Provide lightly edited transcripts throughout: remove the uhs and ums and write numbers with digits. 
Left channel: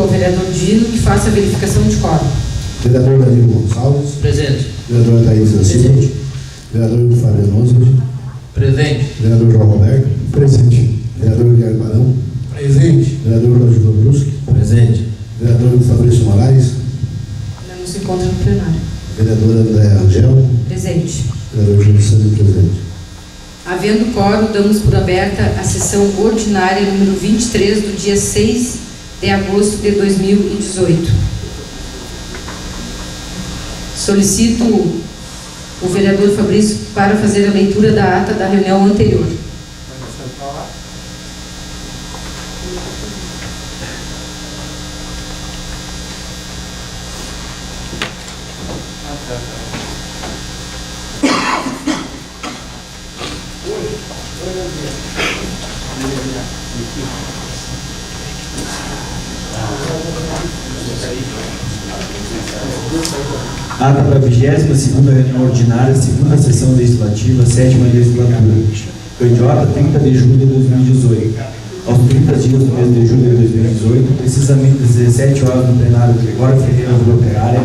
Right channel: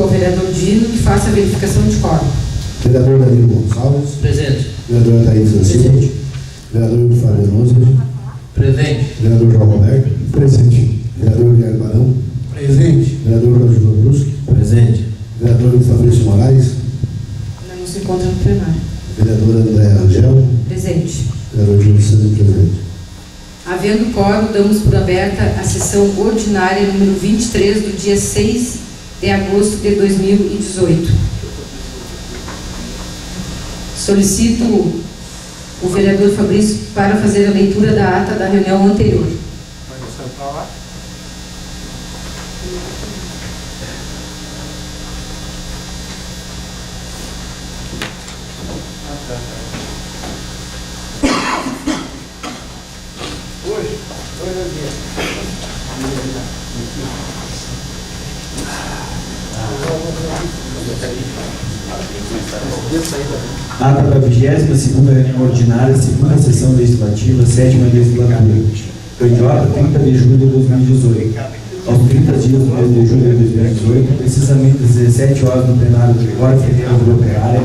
ao vereador Dino que faça a verificação de quórum. Vereador Danilo Gonçalves. Presente. Vereador Thaís da Silva. Presente. Vereador Fabiano Oswald. Presente. Vereador João Roberto. Presente. Vereador Guilherme Barão. Presente. Vereador Claudio Bruschi. Presente. Vereador Fabrício Moraes. Não se encontra no plenário. Vereadora Andréa Rangel. Presente. Vereador Júlio Sandro, presente. Havendo quórum, damos por aberta a sessão ordinária número 23 do dia 6 de agosto de 2018. Solicito o vereador Fabrício para fazer a leitura da ata da reunião anterior. Ata para a 22ª reunião ordinária, segunda sessão legislativa, 7ª legislatura. Candiota, 30 de julho de 2018. Aos 30 dias do mês de julho de 2018, precisamente às 17 horas no plenário Gregório Ferreira Vila Operária,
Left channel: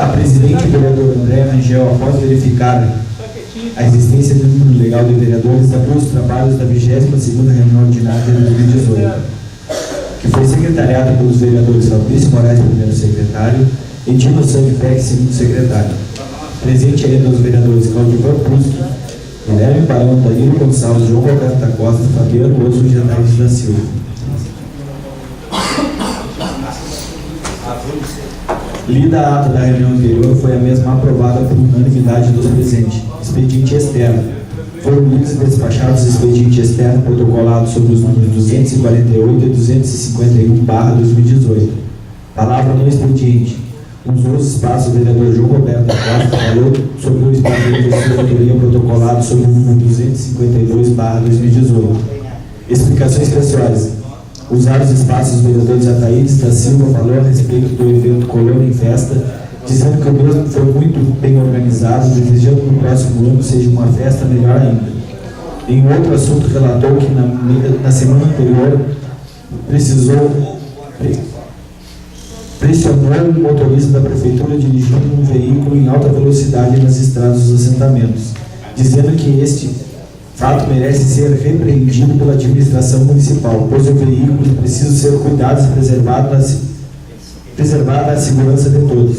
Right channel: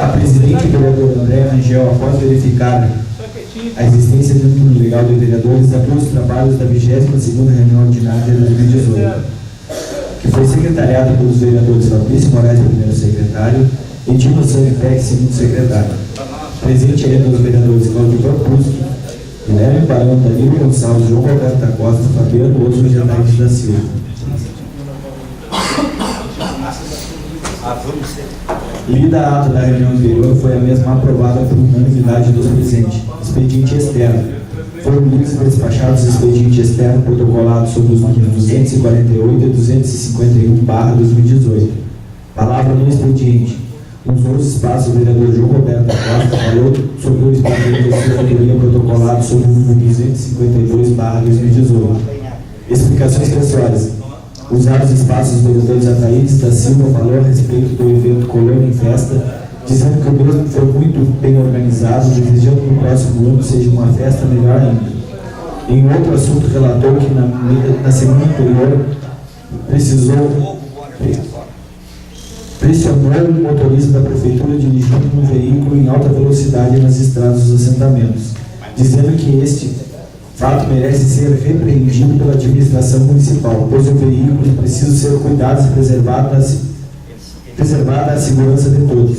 a presidente, vereador André Rangel, após verificar a existência de número legal de vereadores, abriu os trabalhos da 22ª reunião ordinária de 2018, que foi secretariada pelos vereadores Fabrício Moraes, primeiro secretário, e Dino Sanipec, segundo secretário. Presente ainda os vereadores Claudio Bruschi, Guilherme Barão, Danilo Gonçalves, João Roberto da Costa, Fabiano Oswald e Thaís da Silva. Lida a ata da reunião anterior, foi a mesma aprovada por unanimidade dos presentes. Expediente externo. Foram lidos e despachados expediente externo protocolado sobre os números 248 e 251/2018. Palavra no expediente. Usou os espaços o vereador João Roberto da Costa falou sobre o expediente de assessoria protocolado sobre o número 252/2018. Explicações pessoais. Usar os espaços dos vereadores Ataídes da Silva falou a respeito do evento Colônia em Festa, dizendo que o mesmo foi muito bem organizado, desejando que no próximo ano seja uma festa melhor ainda. Em outro assunto, relatou que na semana anterior pressionou o motorista da prefeitura dirigindo um veículo em alta velocidade nas estradas dos assentamentos, dizendo que este fato merece ser repreendido pela administração municipal, pois o veículo precisa ser cuidado e preservada a segurança de todos.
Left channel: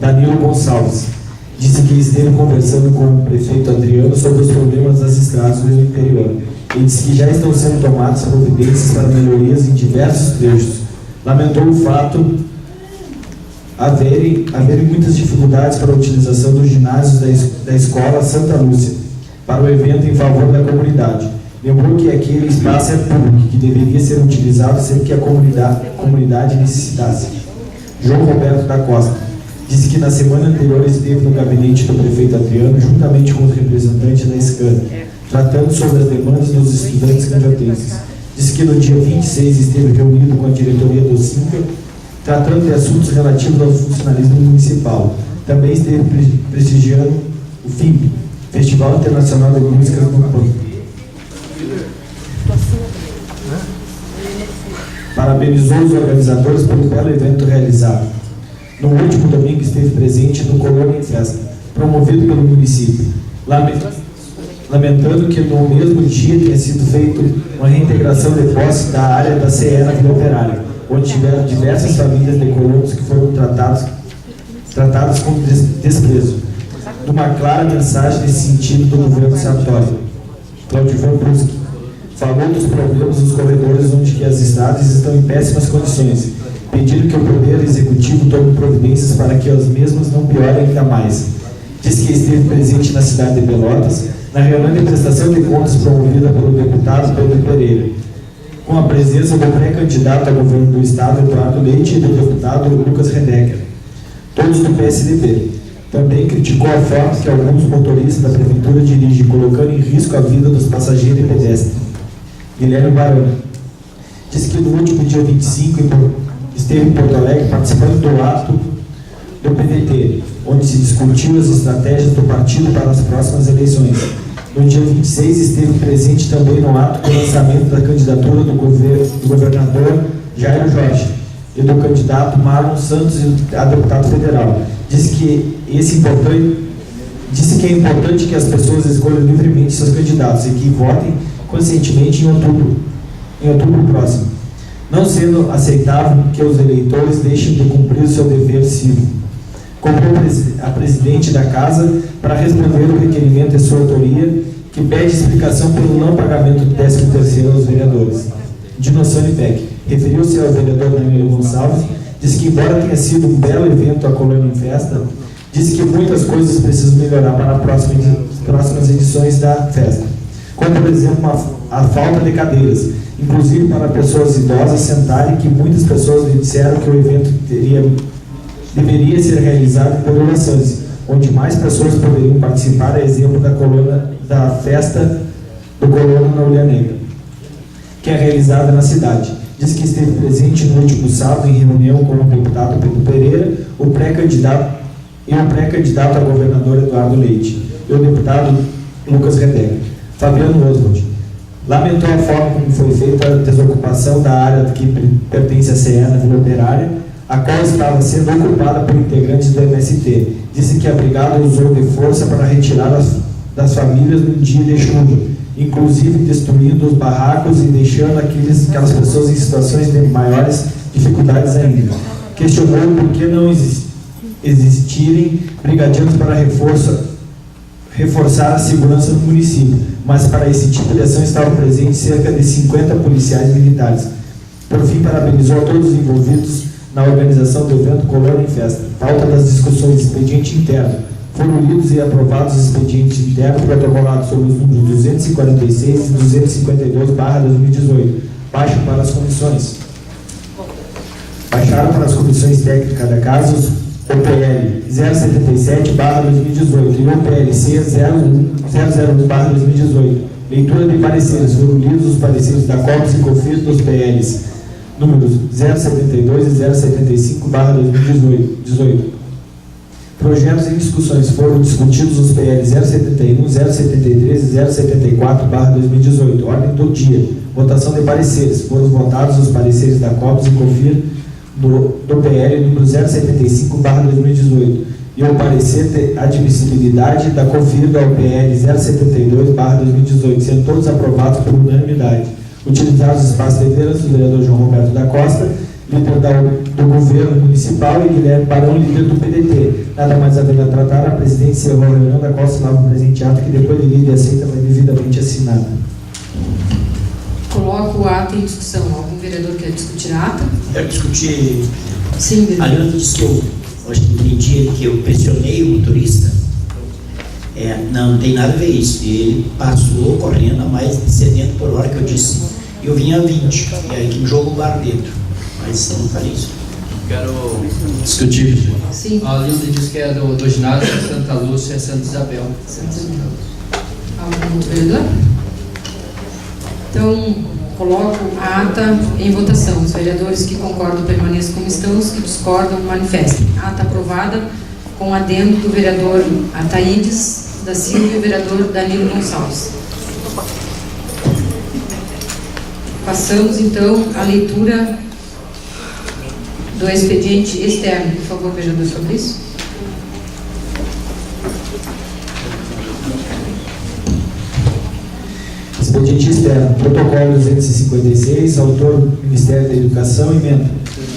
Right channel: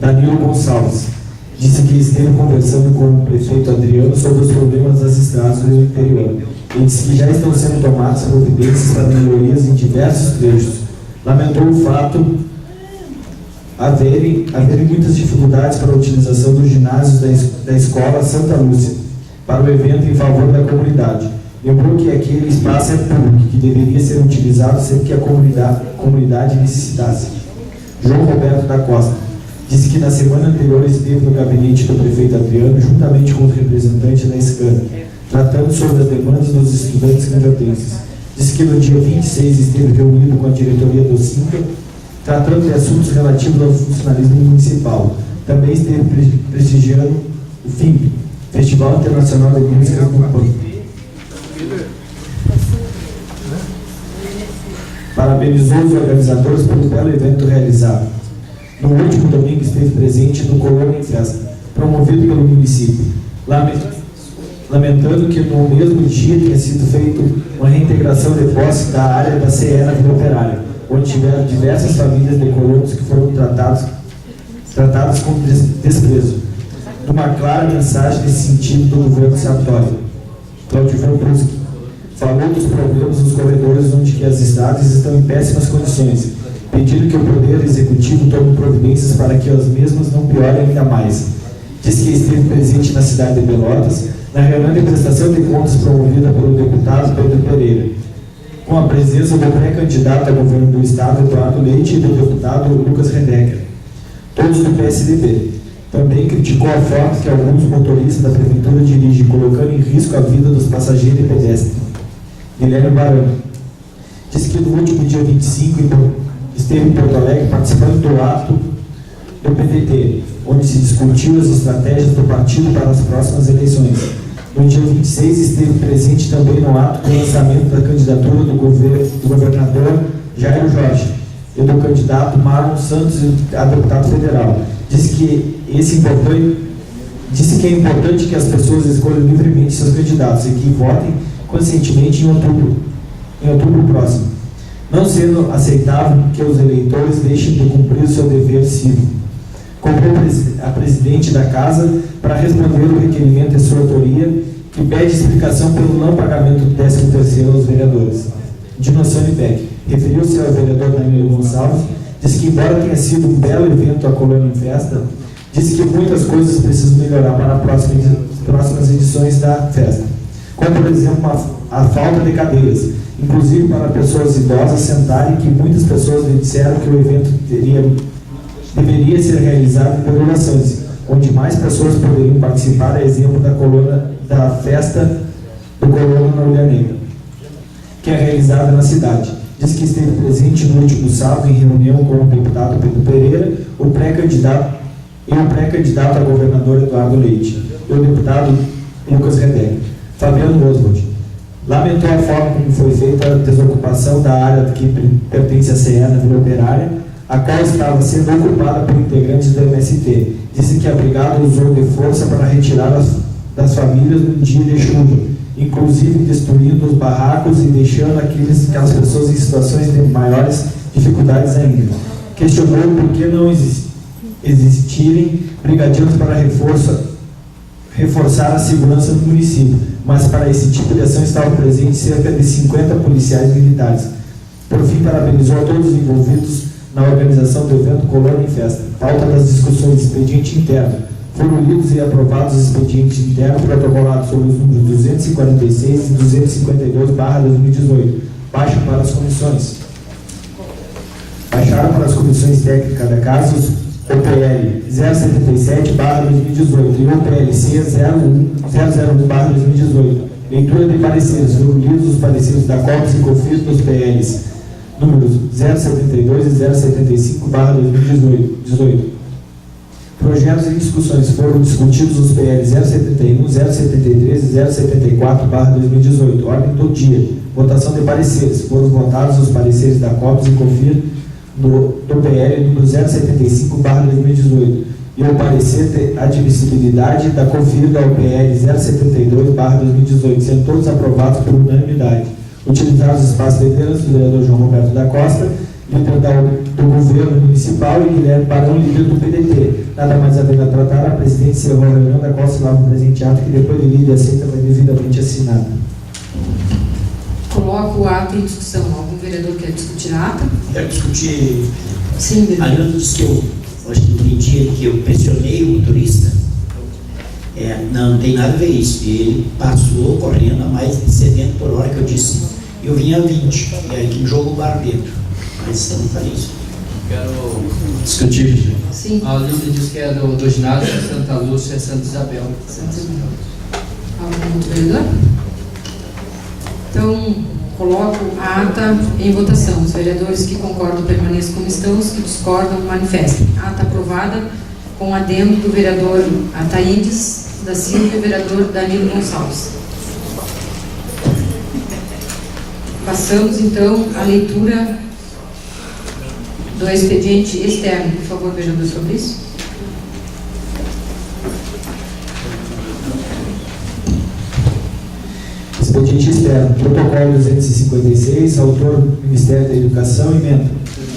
Danilo Gonçalves disse que esteve conversando com o prefeito Adriano sobre os problemas das estradas do interior e disse que já estão sendo tomadas providências para melhorias em diversos trechos. Lamentou o fato haverem muitas dificuldades para a utilização dos ginásios da escola Santa Lúcia para o evento em favor da comunidade. Lembrou que aquele espaço é público, que deveria ser utilizado sempre que a comunidade necessitasse. João Roberto da Costa disse que na semana anterior esteve no gabinete do prefeito Adriano, juntamente com os representantes da SCAN, tratando sobre as demandas dos estudantes canjotenses. Disse que no dia 26 esteve reunido com a diretoria do SINCA, tratando de assuntos relativos ao funcionalismo municipal. Também esteve prestigiando o FIMP, Festival Internacional de Música no Pampa. Parabenizou os organizadores pelo belo evento realizado. No último domingo esteve presente no Colônia em Festa, promovido pelo município, lamentando que no mesmo dia tenha sido feita uma reintegração de posse da área da CE na Vila Operária, onde tiveram diversas famílias de colonos que foram tratados com desprezo. Uma clara mensagem nesse sentido do governo Sartori. Claudio Bruschi falou dos problemas dos corredores onde as estradas estão em péssimas condições, pedindo que o Poder Executivo tome providências para que as mesmas não piorem ainda mais. Diz que esteve presente na cidade de Pelotas, na reunião de prestação de contas promovida pelo deputado Pedro Pereira, com a presença do pré-candidato ao governo do Estado, Eduardo Leite, e do deputado Lucas Redecker, todos do PSDB. Também criticou a forma que alguns motoristas da prefeitura dirigem, colocando em risco a vida dos passageiros e pedestres. Guilherme Barão disse que no último dia 25 esteve em Porto Alegre participando do ato do PDT, onde se discutiu as estratégias do partido para as próximas eleições. No dia 26 esteve presente também no ato do lançamento da candidatura do governador Jairo Jorge, e do candidato Marlon Santos a deputado federal. Disse que é importante que as pessoas escolham livremente seus candidatos e que votem conscientemente em outubro próximo, não sendo aceitável que os eleitores deixem de cumprir o seu dever cívico. Cobrou a presidente da Casa para responder o requerimento de sua autoria, que pede explicação pelo não pagamento do 13º aos vereadores. Dinossone Beck referiu-se ao vereador Danilo Gonçalves, disse que, embora tenha sido um belo evento a Colônia em Festa, disse que muitas coisas precisam melhorar para as próximas edições da festa, como, por exemplo, a falta de cadeiras, inclusive para pessoas idosas sentarem, que muitas pessoas lhe disseram que o evento deveria ser realizado por orações, onde mais pessoas poderiam participar, a exemplo da festa do Colônia na Ulha Negra, que é realizada na cidade. Diz que esteve presente no último sábado em reunião com o deputado Pedro Pereira, o pré-candidato a governador Eduardo Leite e o deputado Lucas Rebeca. Fabiano Oswald lamentou a forma como foi feita a desocupação da área que pertence à CE na Vila Operária, a qual estava sendo ocupada por integrantes do MST. Disse que a brigada usou de força para retirar das famílias no dia de chuva, inclusive destruindo os barracos e deixando aquelas pessoas em situações de maiores dificuldades ainda. Questionou por que não existirem brigadeiros para reforçar a segurança do município, mas para esse tipo de ação estavam presentes cerca de 50 policiais militares. Por fim, parabenizou a todos os envolvidos na organização do evento Colônia em Festa. Falta das discussões de expediente interno. Foram lidos e aprovados os expedientes internos protocolados sobre os números 246 e 252/2018. Baixaram para as comissões técnicas da Casa os OPL 077/2018 e OPLC 001/2018. Leitura de pareceres. Foram lidos os pareceres da COPS e COFINS dos PLs números 072 e 075/2018. Projetos em discussões. Foram discutidos os PL 071, 073 e 074/2018. Ordem do dia. Votação de pareceres. Foram votados os pareceres da COPS e COFIR do PL número 075/2018 e o parecer de admissibilidade da COFIR do PL 072/2018, sendo todos aprovados por unanimidade. Utilizados os espaços de vereadores do vereador João Roberto da Costa, líder do governo municipal, e Guilherme Barão, líder do PDT. Nada mais havendo a tratar, a presidente encerrou a reunião da qual se lava o presente ato, que depois de lida e aceita foi devidamente assinada. Coloco o ato em discussão. Algum vereador quer discutir a ata? Quero discutir. Sim, vereador. A Leandro disse que eu acho que entendi que eu pressionei o motorista. Não tem nada a ver isso. Ele passou correndo a mais de 70 por hora, que eu disse. Eu vinha a 20, e aí que me jogou o bar dentro. Mas eu não falei isso. Quero discutir. Sim. A Leandro disse que é do ginásio Santa Lúcia, Santa Isabel. Santa Isabel. Algum outro vereador? Então, coloco a ata em votação. Os vereadores que concordam permaneçam como estão, os que discordam manifestem. Ata aprovada com adendo do vereador Ataídes da Silva e vereador Danilo Gonçalves. Passamos, então, à leitura do expediente externo. Por favor, vereador Fabrício. Expediente externo. Protocolo 256, autor Ministério da Educação, emenda.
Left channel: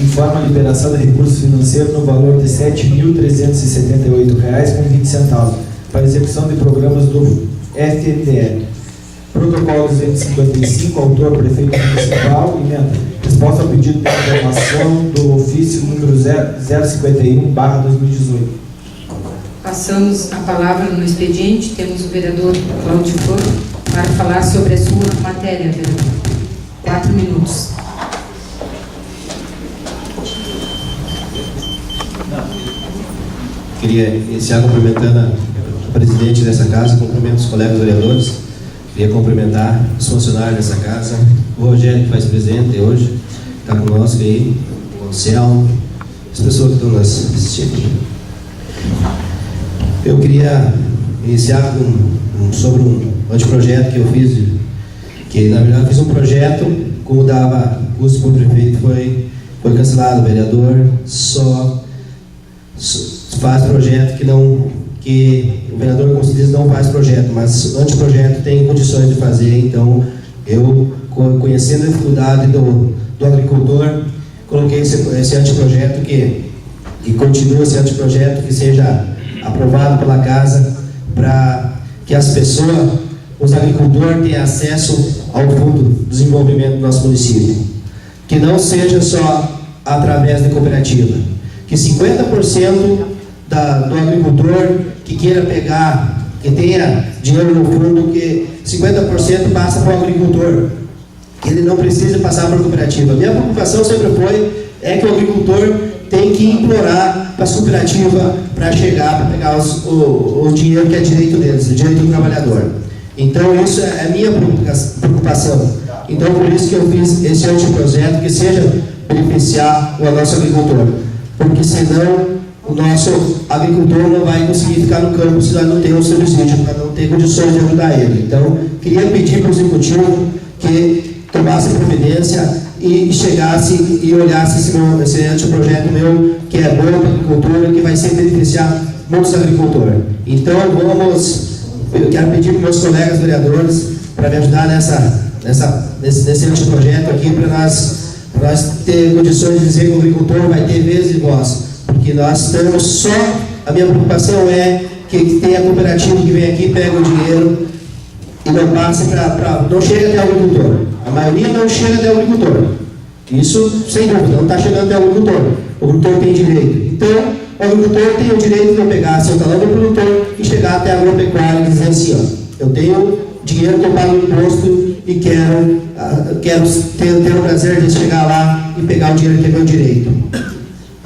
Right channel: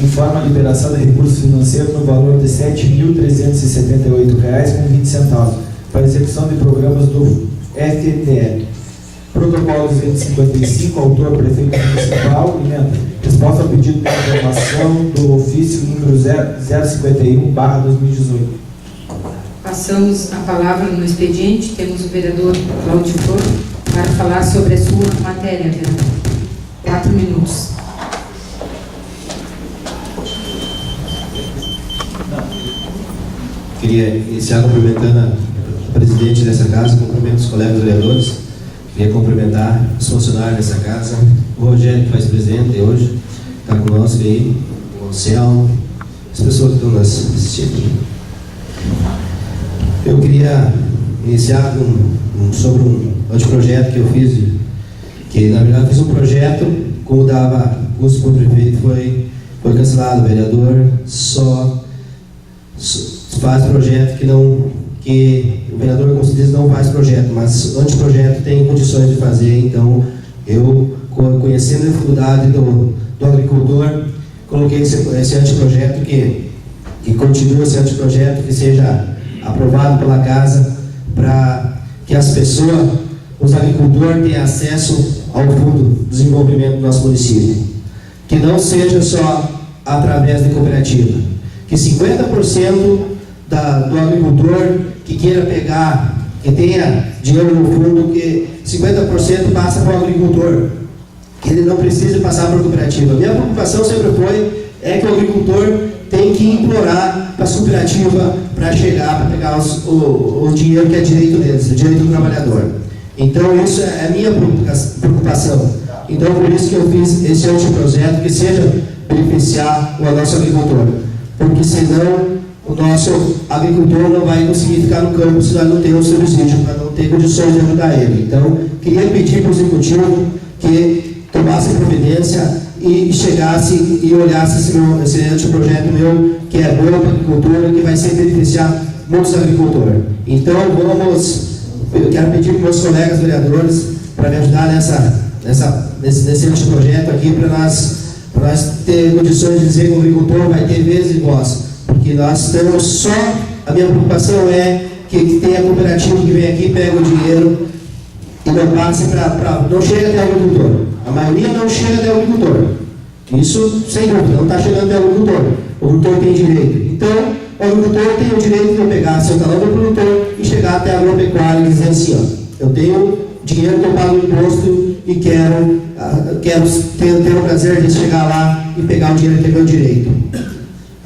Informa a liberação de recursos financeiros no valor de R$ 7.378,20 para execução de programas do FTTL. Protocolo 255, autor Prefeito Municipal, emenda. Resposta ao pedido de informação do ofício número 051/2018. Passamos a palavra no expediente. Temos o vereador Cláudio Flor para falar sobre a sua matéria, vereador. 4 minutos. Queria iniciar cumprimentando a presidente dessa casa, cumprimento os colegas vereadores, queria cumprimentar os funcionários dessa casa, o Rogério, que faz presente hoje, está conosco aí, o Anselmo, as pessoas que estão nos assistindo. Eu queria iniciar sobre um anteprojeto que eu fiz, que na verdade eu fiz um projeto como dava concurso para o prefeito foi cancelado. O vereador só faz projeto que o vereador com certeza não faz projeto, mas anteprojeto tem condições de fazer. Então, eu, conhecendo a dificuldade do agricultor, coloquei esse anteprojeto que continue esse anteprojeto, que seja aprovado pela casa, para que as pessoas, os agricultores, tenham acesso ao Fundo de Desenvolvimento do nosso município. Que não seja só através de cooperativa. Que 50% do agricultor que queira pegar, que tenha dinheiro no fundo, que 50% passa para o agricultor. Que ele não precisa passar por cooperativa. Minha preocupação sempre que o agricultor tem que implorar para as cooperativas para chegar, para pegar o dinheiro que é direito deles, o direito do trabalhador. Então, isso é a minha preocupação. Então, por isso que eu fiz esse anteprojeto, que seja beneficiar o nosso agricultor. Porque senão o nosso agricultor não vai conseguir ficar no campo se nós não temos subsídio, para não ter condições de ajudar ele. Então, queria pedir para o executivo que tomasse providência e chegasse e olhasse esse anteprojeto meu, que é bom para a agricultura, que vai ser beneficiar muitos agricultores. Então, eu quero pedir para meus colegas vereadores para me ajudar nesse anteprojeto aqui, para nós ter condições de dizer que o agricultor vai ter vez de voz, porque nós temos só, a minha preocupação é que tenha cooperativa que vem aqui, pega o dinheiro e não passe não chega até o agricultor. A maioria não chega até o agricultor. Isso, sem dúvida, não está chegando até o agricultor. O agricultor tem direito. Então, o agricultor tem o direito de pegar seu talão do produtor e chegar até a agropecuária e dizer assim, ó, eu tenho dinheiro que eu pago imposto e quero ter o prazer de chegar lá e pegar o dinheiro que é meu direito.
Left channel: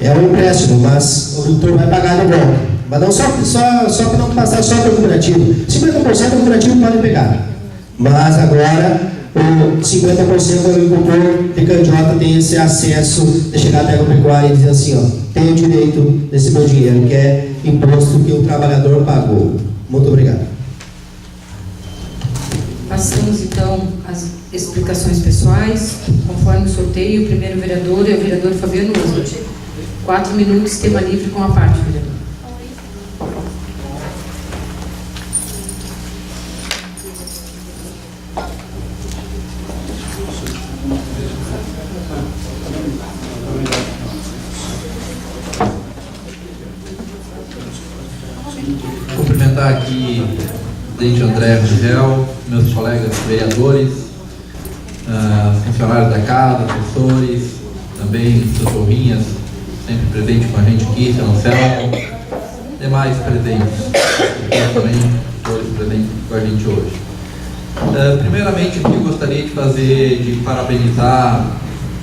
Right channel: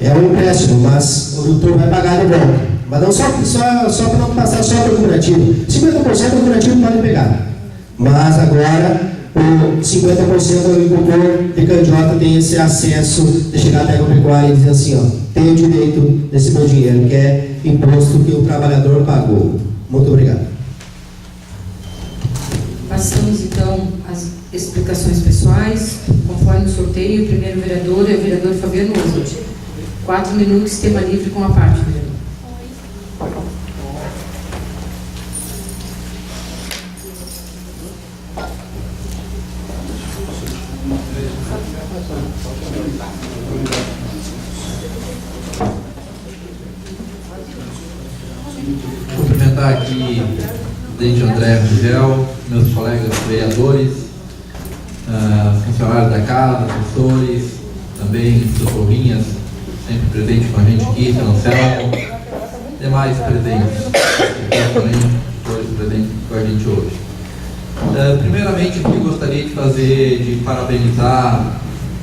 É um empréstimo, mas o agricultor vai pagar de volta. Mas não só para não passar só para o cooperativo. 50% o cooperativo pode pegar. Mas agora, o 50% do agricultor de Candiota tem esse acesso de chegar até a agropecuária e dizer assim, ó, tenho direito desse meu dinheiro, que é imposto que o trabalhador pagou. Muito obrigado. Passamos então às explicações pessoais. Conforme o sorteio, o primeiro vereador é o vereador Fabiano Oswald. 4 minutos, tema livre com a parte, vereador. Cumprimentar aqui o presidente André Rangel, meus colegas vereadores, funcionários da casa, professores, também socorrinhas, sempre presente com a gente aqui, São Anselmo, demais presentes, também todos presentes com a gente hoje. Primeiramente, eu gostaria de parabenizar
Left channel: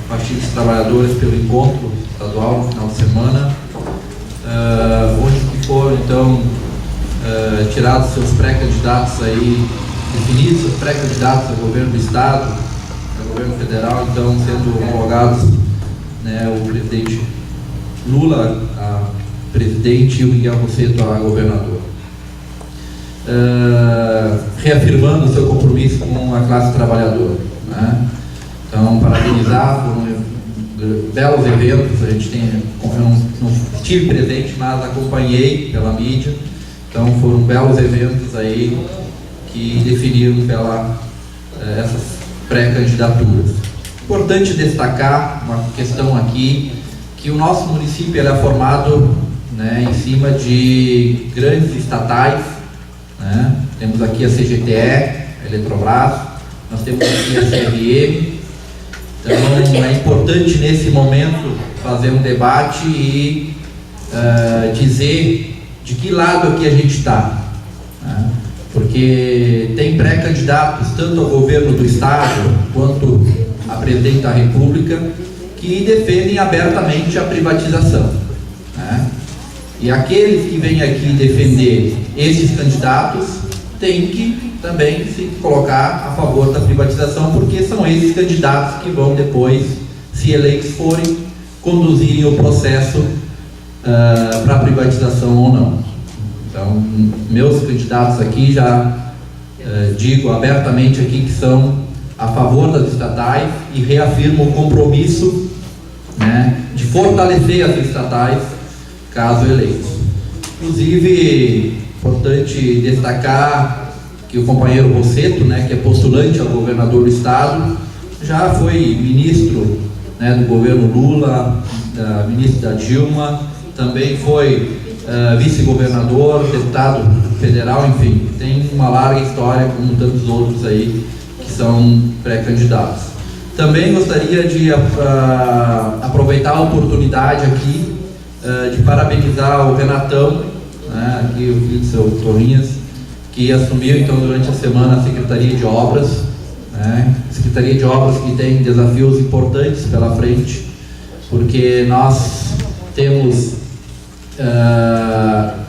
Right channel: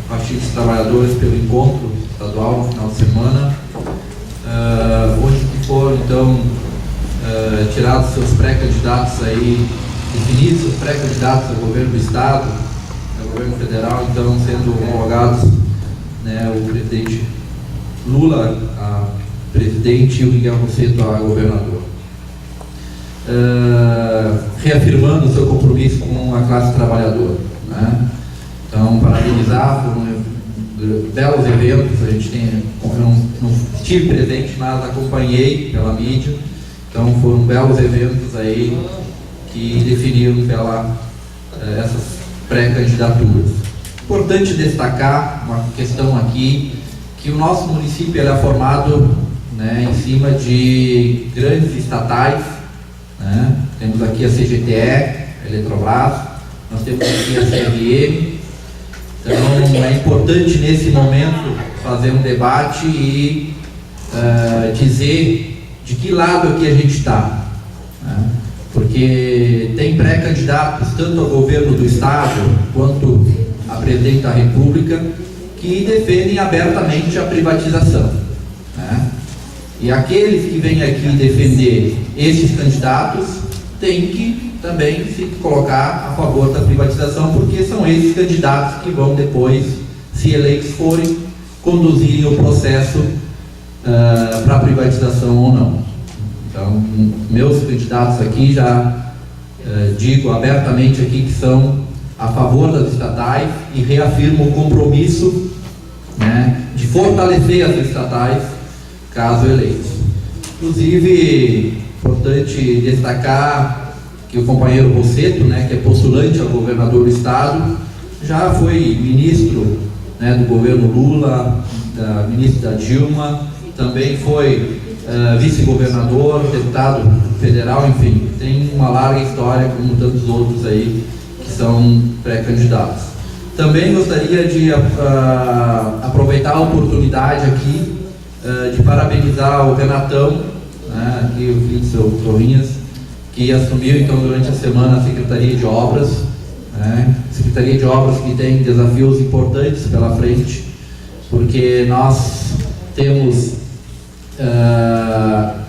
o Partido dos Trabalhadores pelo encontro estadual no final de semana, onde foram então tirados seus pré-candidatos aí, definidos seus pré-candidatos ao governo do Estado, ao governo federal, então sendo homologados, né, o presidente Lula a presidente e o Miguel Rosseto a governador. Reafirmando o seu compromisso com a classe trabalhadora, né? Então, parabenizar, foram belos eventos, eu não estive presente, mas acompanhei pela mídia, então foram belos eventos aí que definiram essas pré-candidaturas. Importante destacar uma questão aqui, que o nosso município é formado, né, em cima de grandes estatais, né? Temos aqui a CGTE, a Eletrobras, nós temos aqui a CRM. Então é importante nesse momento fazer um debate e dizer de que lado aqui a gente está, né? Porque tem pré-candidatos tanto ao governo do Estado quanto a presidente da República que defendem abertamente a privatização, né? E aqueles que vêm aqui defender esses candidatos têm que também se colocar a favor da privatização, porque são esses candidatos que vão depois, se eleitos forem, conduzirem o processo para privatização ou não. Então, meus candidatos aqui já digo abertamente aqui que são a favor das estatais e reafirmo o compromisso, né, de fortalecer as estatais caso eleitos. Inclusive, importante destacar que o companheiro Rosseto, né, que é postulante a governador do estado, já foi ministro, né, do governo Lula, ministro da Dilma, também foi vice-governador, deputado federal, enfim, tem uma larga história como tantos outros aí que são pré-candidatos. Também gostaria de aproveitar a oportunidade aqui de parabenizar o Renatão, né, aqui o filho do seu Torrinhas, que assumiu então durante a semana a Secretaria de Obras, né, Secretaria de Obras que tem desafios importantes pela frente, porque nós temos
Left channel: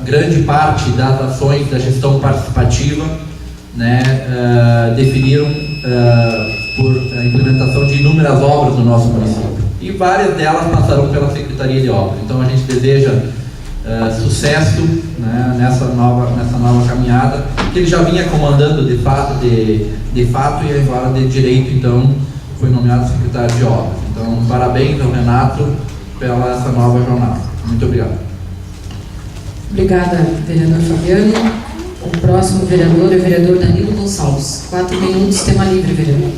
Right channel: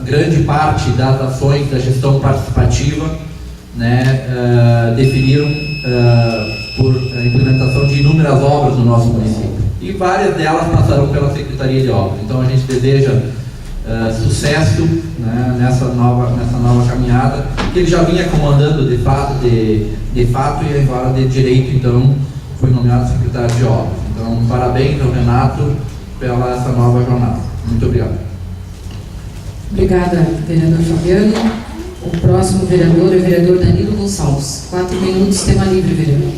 grande parte das ações da gestão participativa, né, definiram por a implementação de inúmeras obras no nosso município, e várias delas passarão pela Secretaria de Obras. Então a gente deseja sucesso, né, nessa nova caminhada, que ele já vinha comandando de fato e agora de direito, então foi nomeado secretário de Obras. Então parabéns ao Renato pela essa nova jornada. Muito obrigado. Obrigada, vereador Fabiano. O próximo vereador é o vereador Danilo Gonçalves. 4 minutos, tema livre, vereador.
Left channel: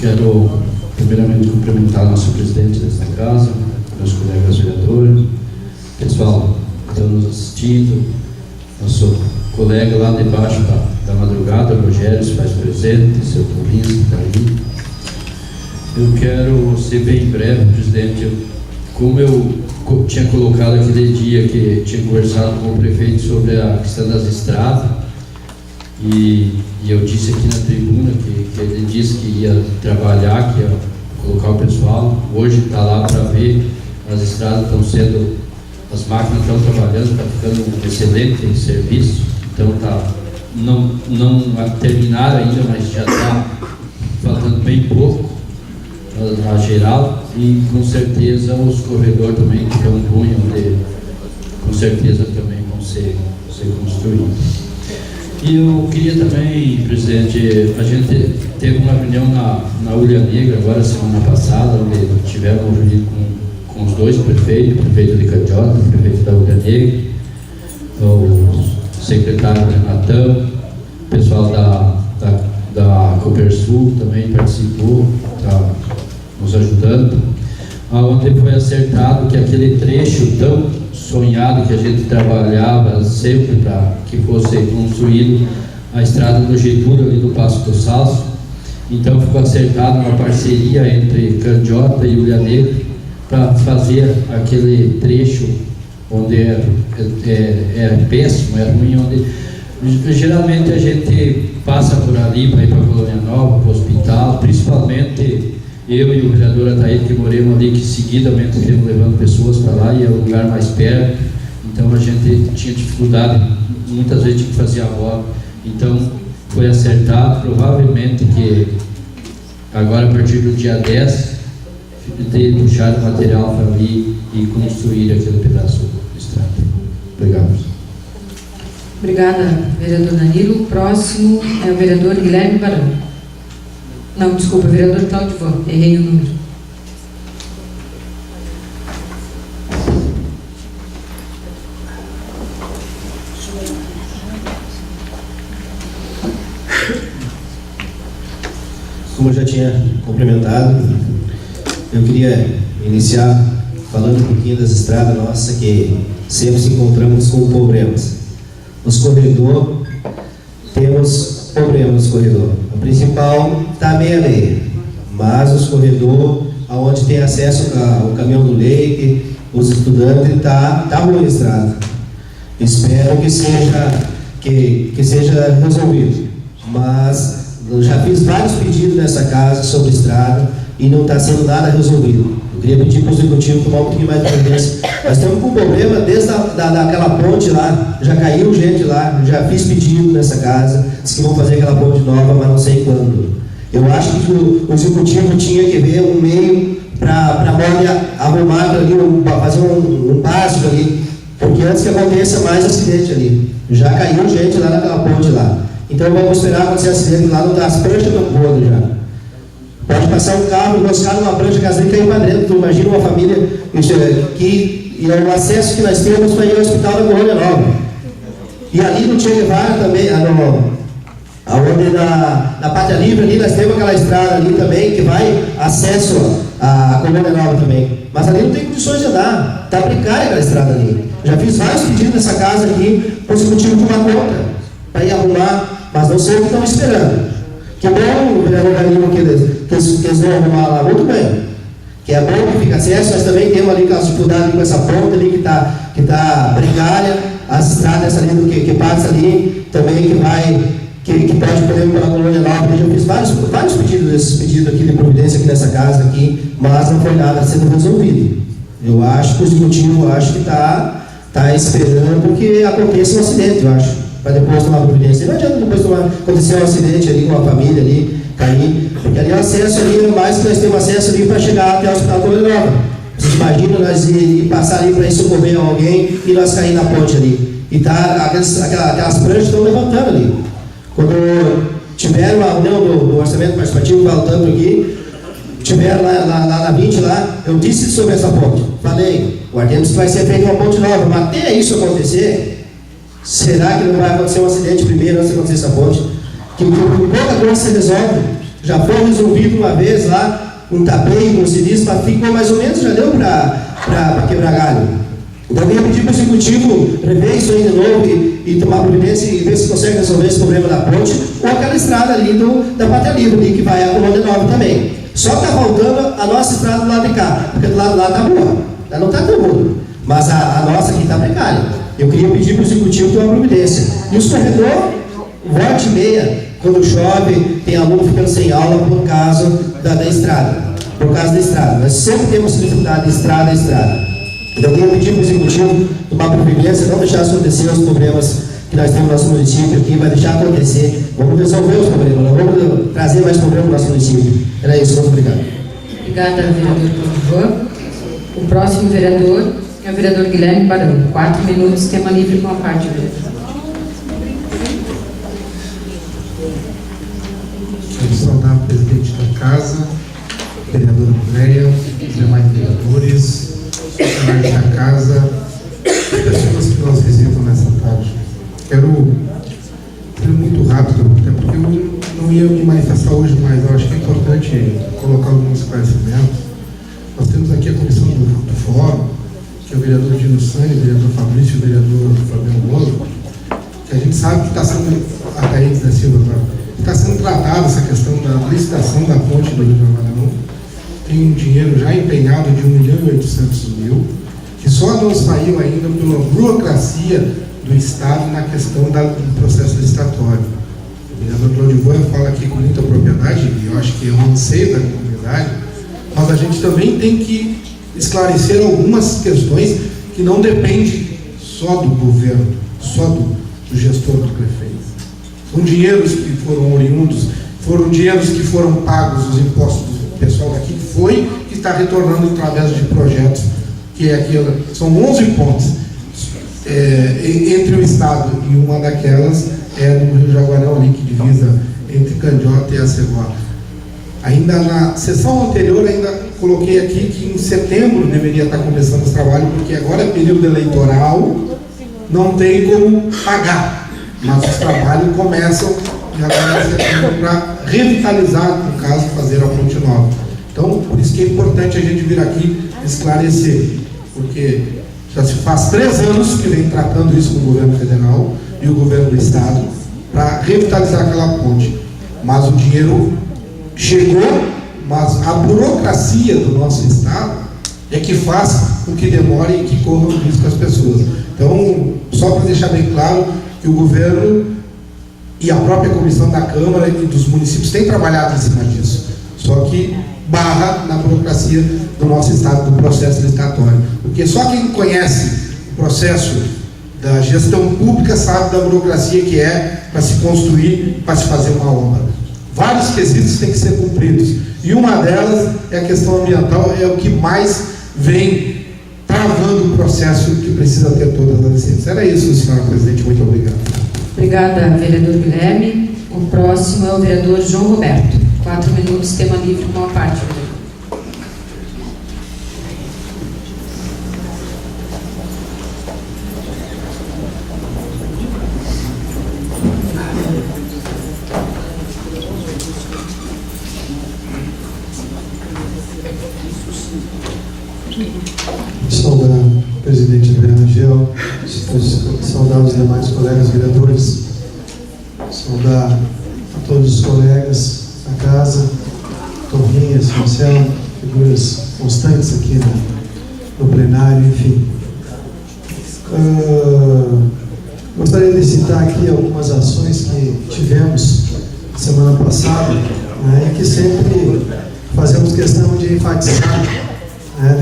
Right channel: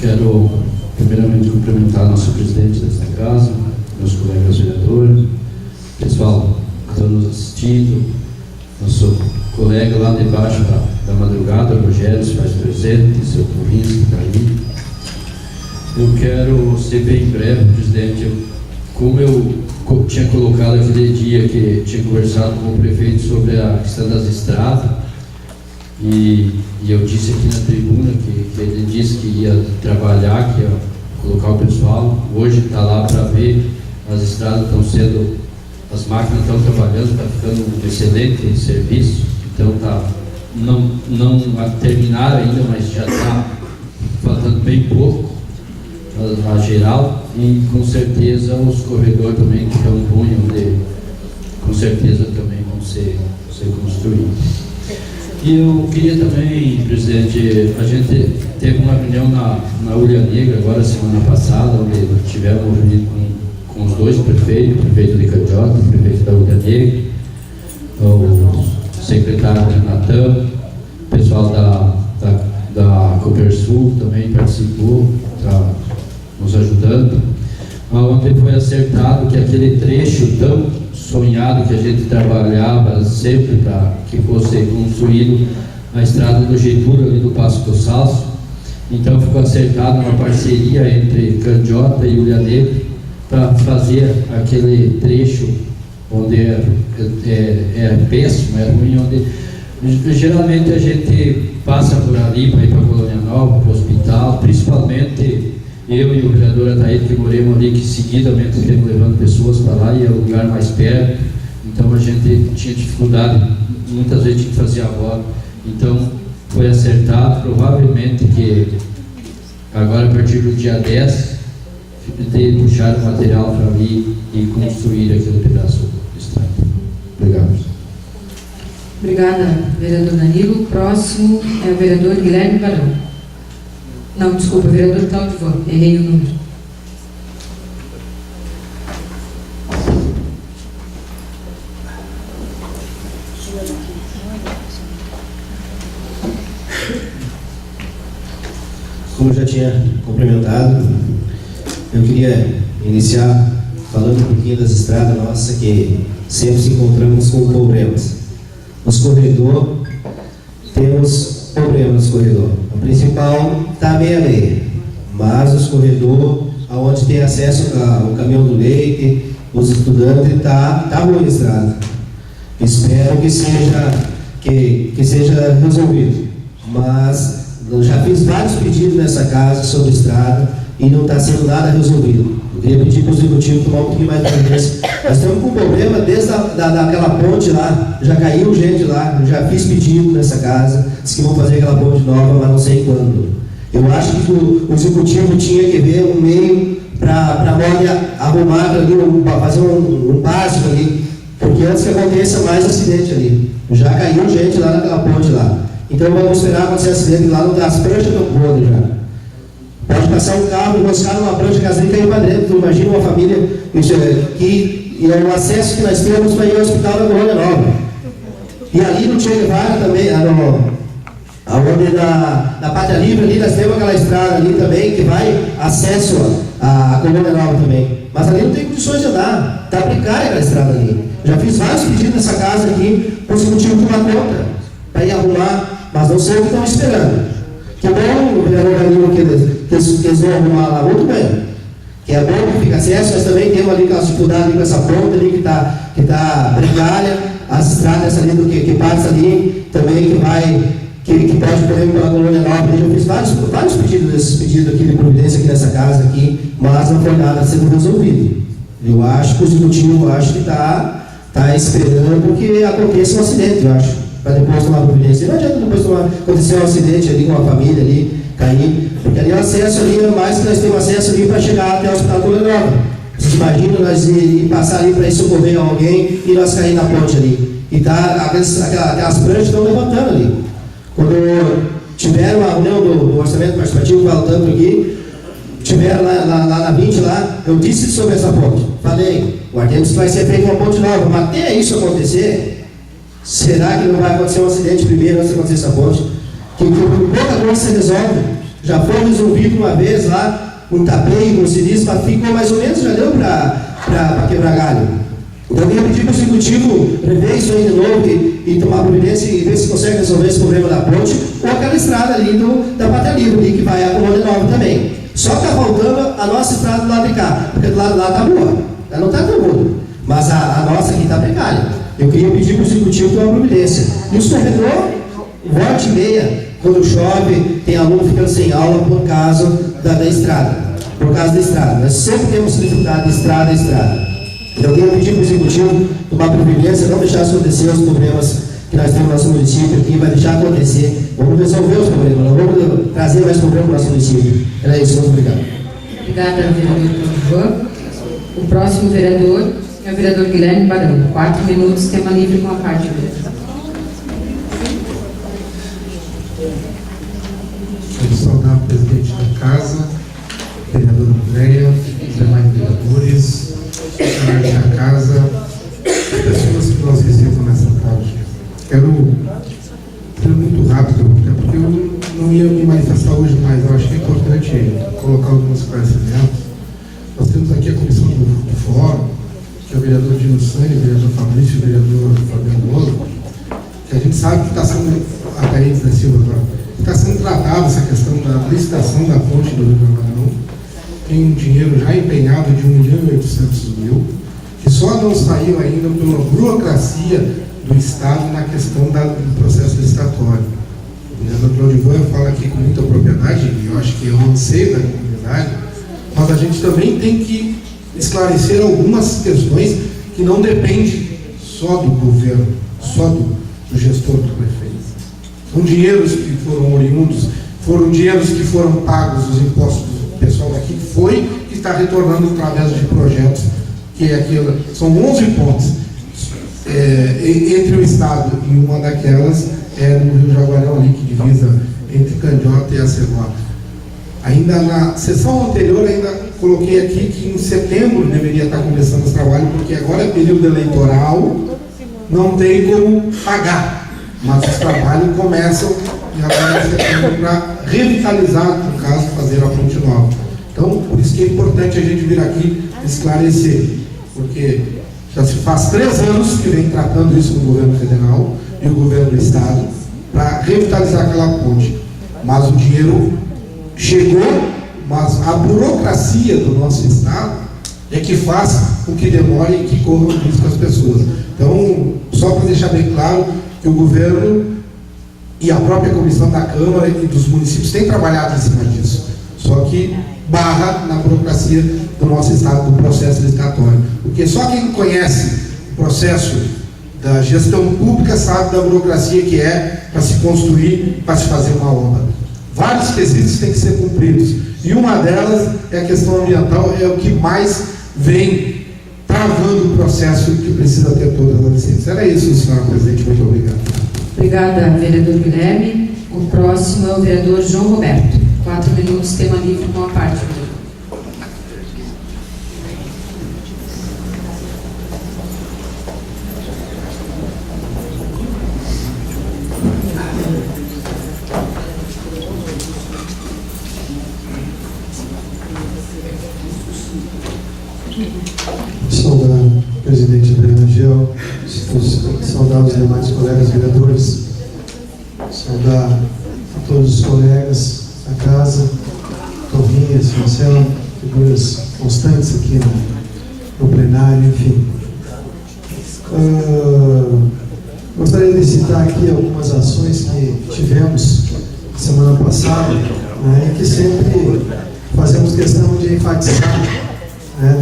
Quero primeiramente cumprimentar nosso presidente desta casa, meus colegas vereadores, pessoal que estão nos assistindo, nosso colega lá debaixo da madrugada, o Rogério, se faz presente, seu Torrinhas que está aí. Eu quero ser bem breve, presidente. Como eu tinha colocado aquele dia que tinha conversado com o prefeito sobre a questão das estradas, e eu disse aqui na tribuna que ele disse que ia trabalhar, que ia colocar o pessoal. Hoje está lá para ver, as estradas estão sendo, as máquinas estão trabalhando, está ficando um excelente serviço. Então não terminaram ainda, mas já está faltando bem pouco na geral, e com certeza os corredores também que estão ruins, com certeza também vão ser construídos. E eu queria também, presidente, a gente teve uma reunião na Ulha Negra agora semana passada, onde tivemos reunido com os dois prefeitos, o prefeito de Candiota, o prefeito da Ulha Negra, o secretário Renatão, o pessoal da Copersul também participou, está nos ajudando, onde foi acertado que aquele trecho tão sonhado que a gente trabalhava sempre para que fosse construído a estrada do Getúlio ali do Passo do Salso, então ficou acertado uma parceria entre Candiota e Ulha Negra para fazer aquele trecho onde é péssimo, é ruim, onde geralmente a gente passa por ali para ir para a Colônia Nova, para o hospital, principalmente eu e o vereador Ataíde, que moramos ali, que seguidamente estamos levando pessoas para lá e é o lugar mais perto, então a gente tinha dificuldade, muitas vezes tinha que fazer a volta, então foi acertado, provavelmente que agora a partir do dia 10 de puxar o material para ali e construir aquele pedaço de estrada. Obrigado. Obrigada, vereador Danilo. O próximo é o vereador Guilherme Barão. Não, desculpa, vereador Cláudio Van, errei o número. Como eu já tinha cumprimentado, eu queria iniciar falando um pouquinho das estradas nossas, que sempre se encontramos com problemas. Nos corredores, temos problemas nos corredores. O principal está meia-meia, mas os corredores, onde tem acesso ao caminhão do leite, os estudantes, está boa a estrada. Espero que seja resolvido. Mas eu já fiz vários pedidos nessa casa sobre estrada e não está sendo nada resolvido. Eu queria pedir para o executivo tomar um pouquinho mais de providência. Nós estamos com problema desde daquela ponte lá, já caiu gente lá, já fiz pedido nessa casa, disse que vão fazer aquela ponte nova, mas não sei quando. Eu acho que o executivo tinha que ver um meio para arrumar ali, fazer um básico ali, porque antes que aconteça mais acidente ali. Já caiu gente lá naquela ponte lá. Então vamos esperar acontecer acidente lá, não dá as pranchas do podre já. Pode passar um carro enroscado numa prancha caseira e cair para dentro. Tu imagina uma família que é o acesso que nós temos para ir ao hospital da Colônia Nova. E ali no Che Guevara também, aonde na Pátria Livre ali, nós temos aquela estrada ali também, que vai acesso à Colônia Nova também. Mas ali não tem condições de andar, está precária aquela estrada ali. Já fiz vários pedidos nessa casa aqui, por esse motivo de uma conta, para ir arrumar, mas não sei o que estão esperando. Que bom o vereador Danilo que eles vão arrumar lá, muito bem. Que é bom que fica acesso, nós também temos ali aquelas dificuldades ali com essa ponta ali que tá precária, as estradas ali que passa ali, também que pode poder ir pela Colônia Nova. Eu fiz vários pedidos desses pedidos aqui de providência aqui nessa casa aqui, mas não foi nada sendo resolvido. Eu acho que o executivo está esperando que aconteça um acidente, eu acho, para depois tomar providência. Não adianta depois acontecer um acidente ali com a família ali, cair, porque ali o acesso ali, mais que nós temos acesso ali para chegar até o Hospital Colônia Nova. Vocês imaginam nós ir passar ali para ir socorrer alguém e nós cair na ponte ali. E aquelas pranchas estão levantando ali. Quando tiveram a reunião do orçamento participativo, faltando aqui, tiveram lá na 20 lá, eu disse sobre essa ponte. Falei, guardemos que vai ser feita uma ponte nova, mas até isso acontecer, será que não vai acontecer um acidente primeiro antes de acontecer essa ponte? Que pouca coisa se resolve. Já foi resolvido uma vez lá, um tapeio, um sinistro, mas ficou mais ou menos, já deu para quebrar galho. Então eu ia pedir para o executivo rever isso aí de novo e tomar providência e ver se consegue resolver esse problema da ponte ou aquela estrada ali da Pátria Livre, ali, que vai a Colônia Nova também. Só que está faltando a nossa estrada do lado de cá, porque do lado de lá está boa, ela não está tão boa, mas a nossa aqui está precária. Eu queria pedir para o executivo tomar providência. E os corredores, volta e meia, quando chove, tem aluno ficando sem aula por causa da estrada. Por causa da estrada. Nós sempre temos dificuldade de estrada a estrada. Então eu queria pedir para o executivo tomar providência, não deixar acontecer os problemas que nós temos no nosso município aqui, vai deixar acontecer. Vamos resolver os problemas, não vamos trazer mais problemas no nosso município. Era isso, muito obrigado. Obrigada, vereador Ivan. O próximo vereador é o vereador Guilherme Barão. 4 minutos, tema livre com a parte vereador. Quero saudar o presidente da casa, vereadora Andréia, os demais vereadores, funcionários da casa, as pessoas que nós recebemos nessa tarde. Quero ser muito rápido, até porque eu não ia me manifestar hoje, mas eu acho que é importante colocar alguns esclarecimentos. Nós temos aqui a comissão do fórum, que é o vereador Dino Sani, o vereador Fabrício e o vereador Fabiano Bolo, que a gente sabe que está sendo, a Thaís da Silva agora, está sendo tratada essa questão da licitação da ponte do Rio Jaguarão. Tem um dinheiro já empenhado de R$1.800.000, que só não saiu ainda pela burocracia do Estado na questão do processo licitatório. O vereador Claudio fala aqui com muita propriedade, e eu acho que é um anseio da comunidade, mas a gente também tem que esclarecer algumas questões que não dependem só do governo, só do gestor, do prefeito. São dinheiros que foram oriundos, foram dinheiros que foram pagos, os impostos do pessoal daqui, que está retornando através de projetos, que é aquilo, são 11 pontes entre o Estado, e uma daquelas é no Rio Jaguarão, ali, que divisa entre Candiota e Acebó. Ainda na sessão anterior, ainda coloquei aqui que em setembro deveria estar começando esse trabalho, porque agora é período eleitoral, não tem como pagar, mas os trabalhos começam agora em setembro para revitalizar, no caso, fazer a ponte nova. Então, por isso que é importante a gente vir aqui esclarecer, porque já se faz 3 anos que vem tratando isso com o governo federal e o governo do estado para revitalizar aquela ponte, mas o dinheiro chegou, mas a burocracia do nosso estado é que faz com que demore e que corra o risco as pessoas. Então, só para deixar bem claro que o governo e a própria comissão da Câmara e dos municípios têm trabalhado em cima disso, só que barra na burocracia do nosso estado, do processo licitatório. Porque só quem conhece o processo da gestão pública sabe da burocracia que é para se construir, para se fazer uma obra. vários quesitos têm que ser cumpridos. E uma delas é a questão ambiental, é o que mais vem travando o processo que precisa ter todas as licenças. Era isso, senhora presidente. Muito obrigado. Obrigada, vereador Guilherme. O próximo é o vereador João Roberto. 4 minutos, tema livre com a parte. Saudar o presidente André Rangel, saudar os demais colegas vereadores, saudar a todos os colegas da casa, Torrinhas, Marcelo, figuras constantes aqui no plenário, enfim. Gostaria de citar aqui algumas ações que tivemos semana passada, né, e que sempre fazemos questão de enfatizar,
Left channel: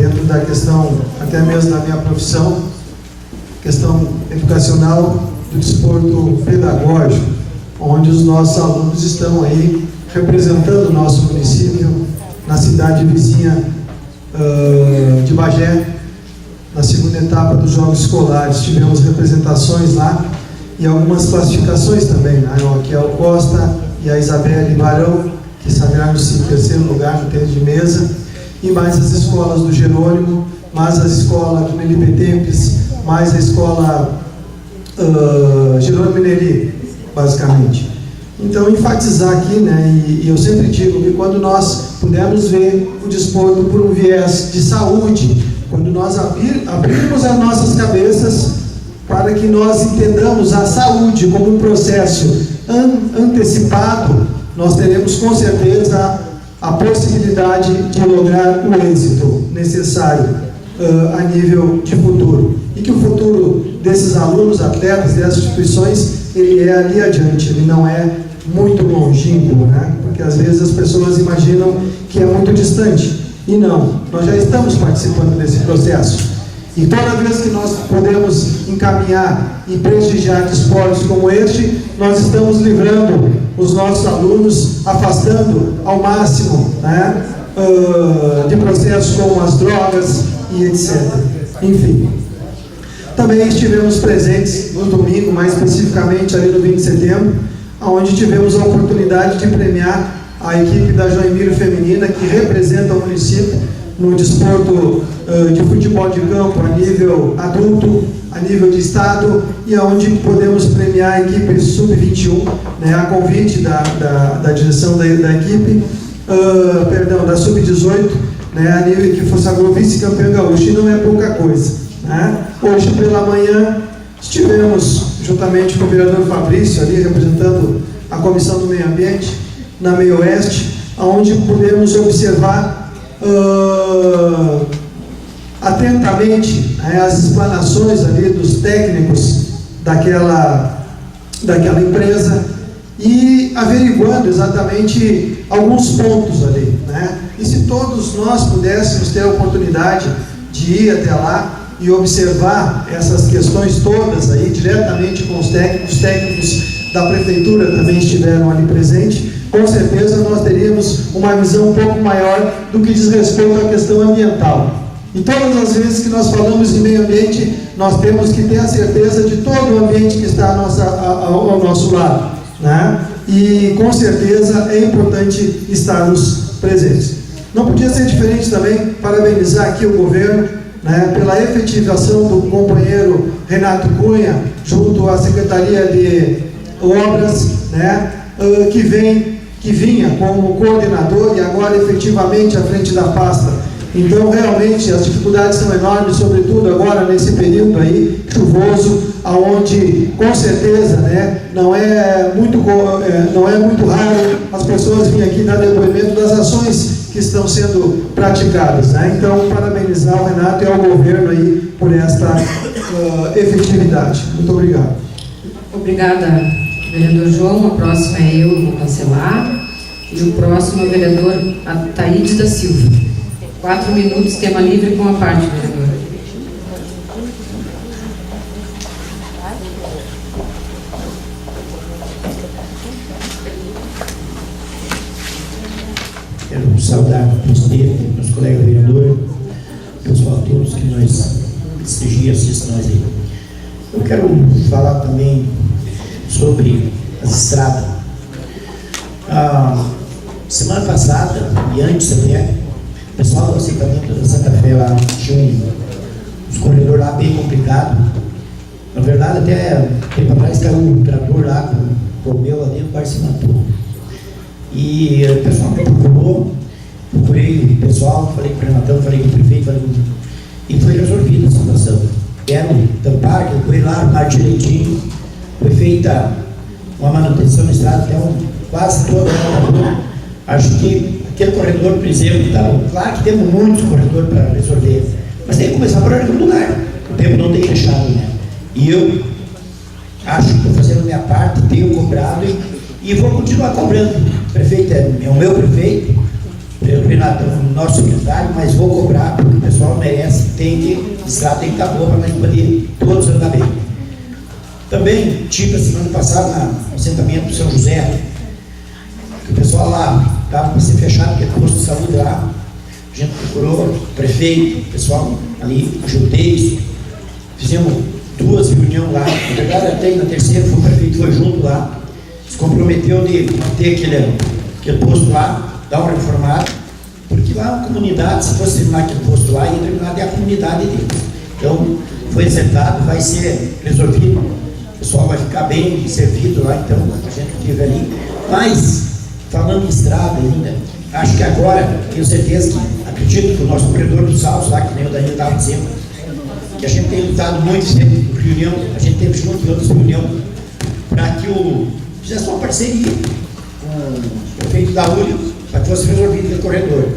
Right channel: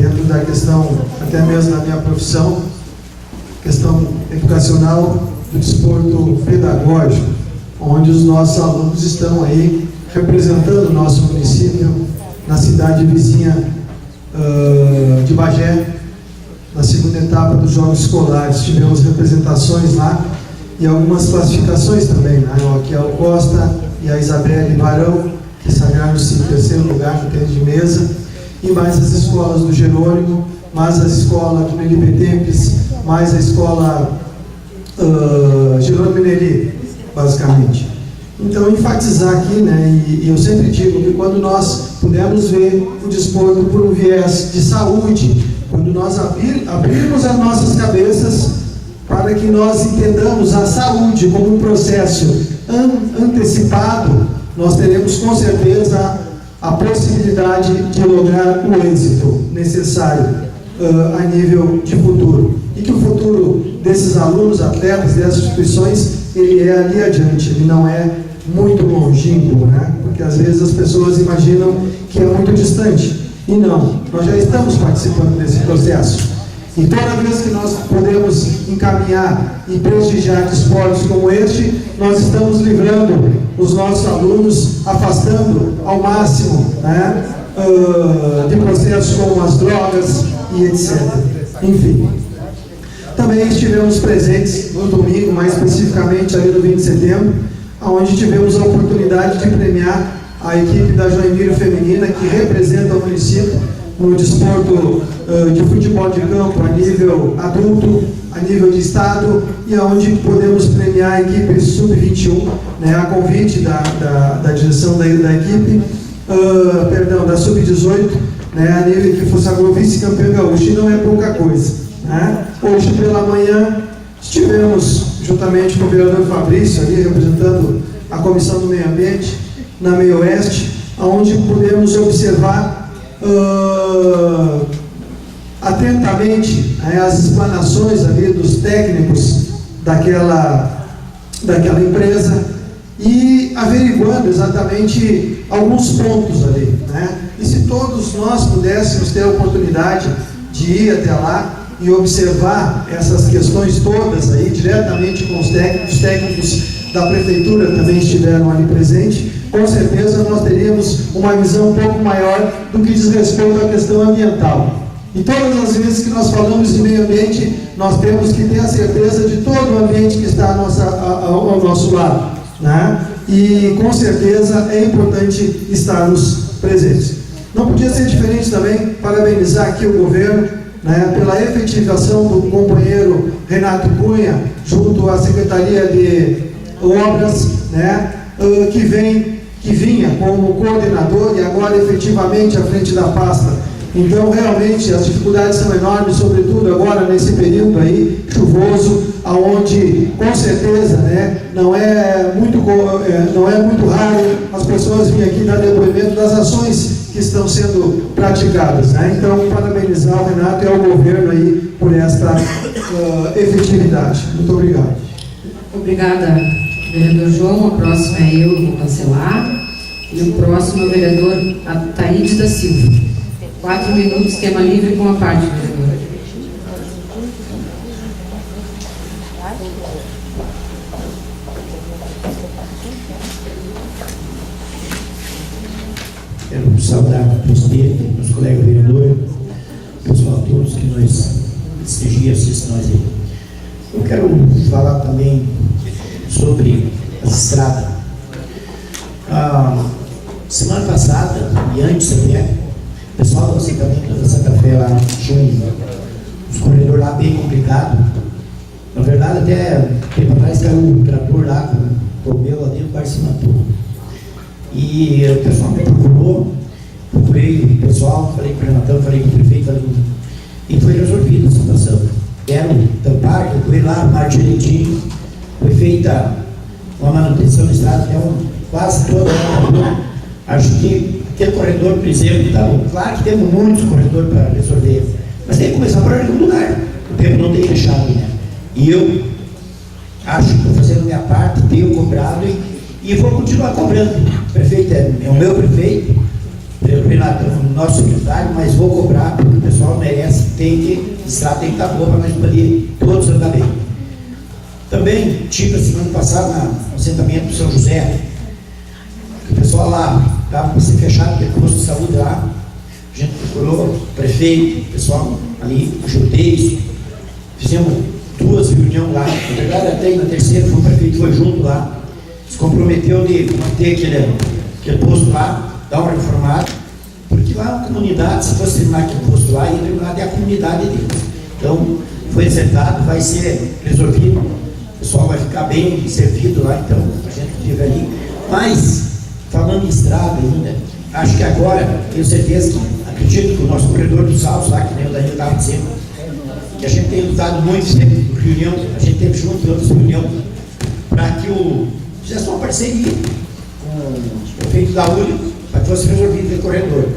dentro da questão, até mesmo da minha profissão, questão educacional do desporto pedagógico, onde os nossos alunos estão aí representando o nosso município na cidade vizinha de Bagé, na segunda etapa dos Jogos Escolares. Tivemos representações lá e algumas classificações também, né? Aqui é o Costa e a Isabelle Barão, que sagraram-se em terceiro lugar no tênis de mesa, e mais as escolas do Jerônimo, mais as escolas do Nelipe Tempes, mais a escola Jerônimo Neli, basicamente. Então, enfatizar aqui, né, e eu sempre digo que quando nós pudermos ver o desporto por um viés de saúde, quando nós abrirmos as nossas cabeças para que nós entendamos a saúde como um processo antecipado, nós teremos com certeza a possibilidade de lograr o êxito necessário a nível de futuro. E que o futuro desses alunos, atletas, dessas instituições, ele é ali adiante, ele não é muito longínquo, né? Porque às vezes as pessoas imaginam que é muito distante. E não, nós já estamos participando desse processo. E toda vez que nós podemos encaminhar e prestigiar esportes como este, nós estamos livrando os nossos alunos, afastando ao máximo, né, de processos como as drogas e etc. Enfim. Também estivemos presentes no domingo, mais especificamente ali no 20 de setembro, onde tivemos a oportunidade de premiar a equipe da Joinville Feminina, que representa o município no desporto de futebol de campo a nível adulto, a nível de estado, e onde podemos premiar a equipe sub-21, né, a convite da direção da equipe, da sub-18, né, a nível que fosse a vice-campeão gaúcho, e não é pouca coisa, né? Hoje pela manhã estivemos juntamente com o vereador Fabrício ali representando a Comissão do Meio Ambiente na Meio Oeste, onde pudemos observar atentamente, né, as explanações ali dos técnicos daquela empresa e averiguando exatamente alguns pontos ali, né? E se todos nós pudéssemos ter a oportunidade de ir até lá e observar essas questões todas aí diretamente com os técnicos da prefeitura também estiveram ali presentes, com certeza nós teríamos uma visão um pouco maior do que diz respeito à questão ambiental. E todas as vezes que nós falamos de meio ambiente, nós temos que ter a certeza de todo o ambiente que está ao nosso lado, né? E com certeza é importante estarmos presentes. Não podia ser diferente também, parabenizar aqui o governo, né, pela efetivação do companheiro Renato Cunha, junto à Secretaria de Obras, né, que vinha como coordenador e agora efetivamente à frente da pasta. Então, realmente, as dificuldades são enormes, sobretudo agora nesse período aí chuvoso, aonde, com certeza, né, não é muito raro as pessoas virem aqui dar depoimento das ações que estão sendo praticadas, né? Então, parabenizar o Renato e ao governo aí por esta efetividade. Muito obrigado. Obrigada, vereador João. A próxima é eu, vou cancelar. E o próximo é o vereador Ataídes da Silva. 4 minutos, tema livre com a parte, vereador. Quero saudar o presidente, meus colegas vereadores, o pessoal todos que nós prestigiam, assistem nós aí. Eu quero falar também sobre as estradas. Semana passada, e antes até, o pessoal do assentamento da Santa Fé lá tinha uns corredores lá bem complicados. Na verdade, até tempo atrás caiu um trator lá com o pneu lá dentro, quase se matou. E o pessoal me procurei o pessoal, falei com o Renatão, falei com o prefeito, e foi resolvida a situação. Deram tampar, eu fui lá, armar direitinho, foi feita uma manutenção na estrada, até quase toda a rua. Acho que aquele corredor, por exemplo, claro que temos muitos corredores para resolver, mas tem que começar por algum lugar. O tempo não tem fechado, né? E eu acho que estou fazendo a minha parte, tenho cobrado e vou continuar cobrando. O prefeito é o meu prefeito, o Renato é o nosso secretário, mas vou cobrar porque o pessoal merece, a estrada tem que estar boa para nós poder todos andar bem. Também tive a semana passada no assentamento do São José, que o pessoal lá estava para ser fechado, porque o posto de saúde lá, a gente procurou o prefeito, o pessoal ali, ajudei, fizemos 2 reuniões lá, na verdade até na terceira o prefeito foi junto lá, se comprometeu de manter aquele posto lá, dar uma reformada, porque lá é uma comunidade, se fosse terminar aquele posto lá, ia terminar até a comunidade deles. Então, foi acertado, vai ser resolvido, o pessoal vai ficar bem servido lá, então a gente teve ali. Mas, falando em estrada ainda, acho que agora, tenho certeza que, acredito que o nosso corredor dos Saltos lá, que nem o Danilo estava dizendo, que a gente tem lutado muito sempre, reunião, a gente teve junto em outras reuniões, para que fizesse uma parceria com o prefeito da URI, para que fosse resolvido aquele corredor.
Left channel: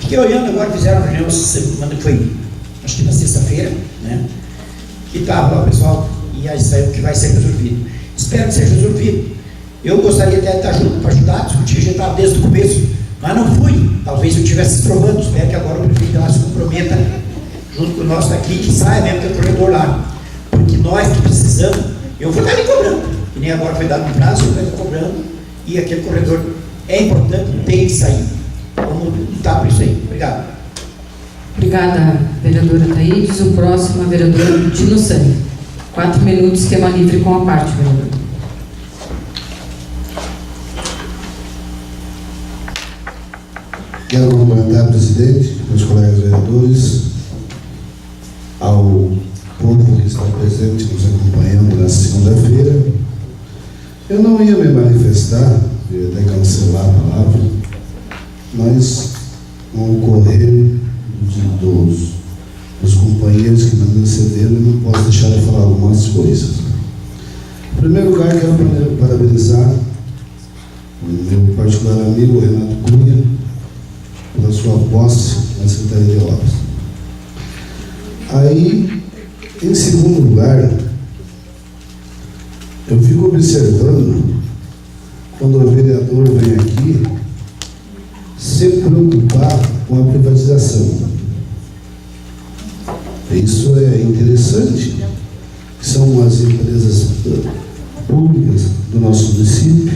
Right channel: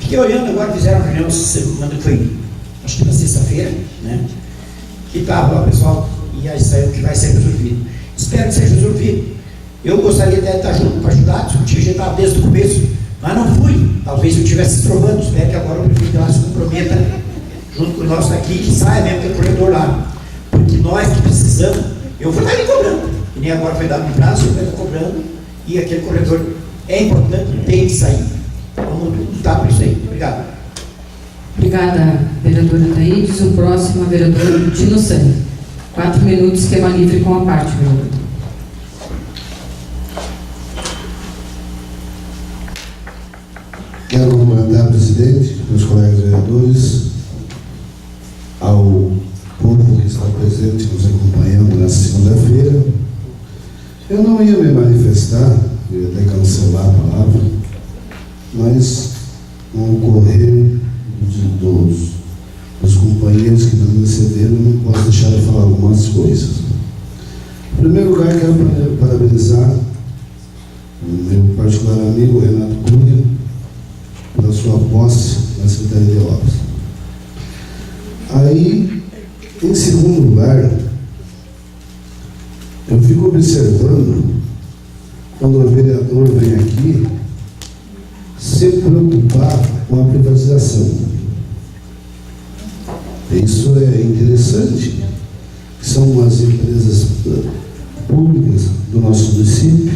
Fiquei olhando agora, fizeram uma reunião semana que foi, acho que na sexta-feira, né? Que estava lá o pessoal, e aí saiu que vai ser resolvido. Espero que seja resolvido. Eu gostaria até de estar junto para ajudar, discutir, a gente estava desde o começo, mas não fui. Talvez eu estivesse trovando, espero que agora o prefeito lá se comprometa junto com o nosso aqui, que saia mesmo aquele corredor lá. Porque nós que precisamos, eu vou estar ali cobrando, que nem agora foi dado um prazo, eu vou estar cobrando, e aquele corredor é importante, tem que sair. Vamos lutar por isso aí. Obrigado. Obrigada, vereadora Thaídes. O próximo é o vereador Dino Sani. 4 minutos, esquema livre com a parte, vereador. Quero cumprimentar o presidente, meus colegas vereadores, ao povo que está presente nos acompanhando nessa segunda-feira. Eu não ia me manifestar, eu ia até cancelar a palavra, mas com o correr dos companheiros que me antecederam, eu não posso deixar de falar algumas coisas. Em primeiro lugar, quero parabenizar o meu particular amigo Renato Cunha pela sua posse na Secretaria de Obras. Aí, em segundo lugar, eu fico observando quando o vereador vem aqui se preocupar com a privatização. Isso é interessante, são as empresas públicas do nosso município,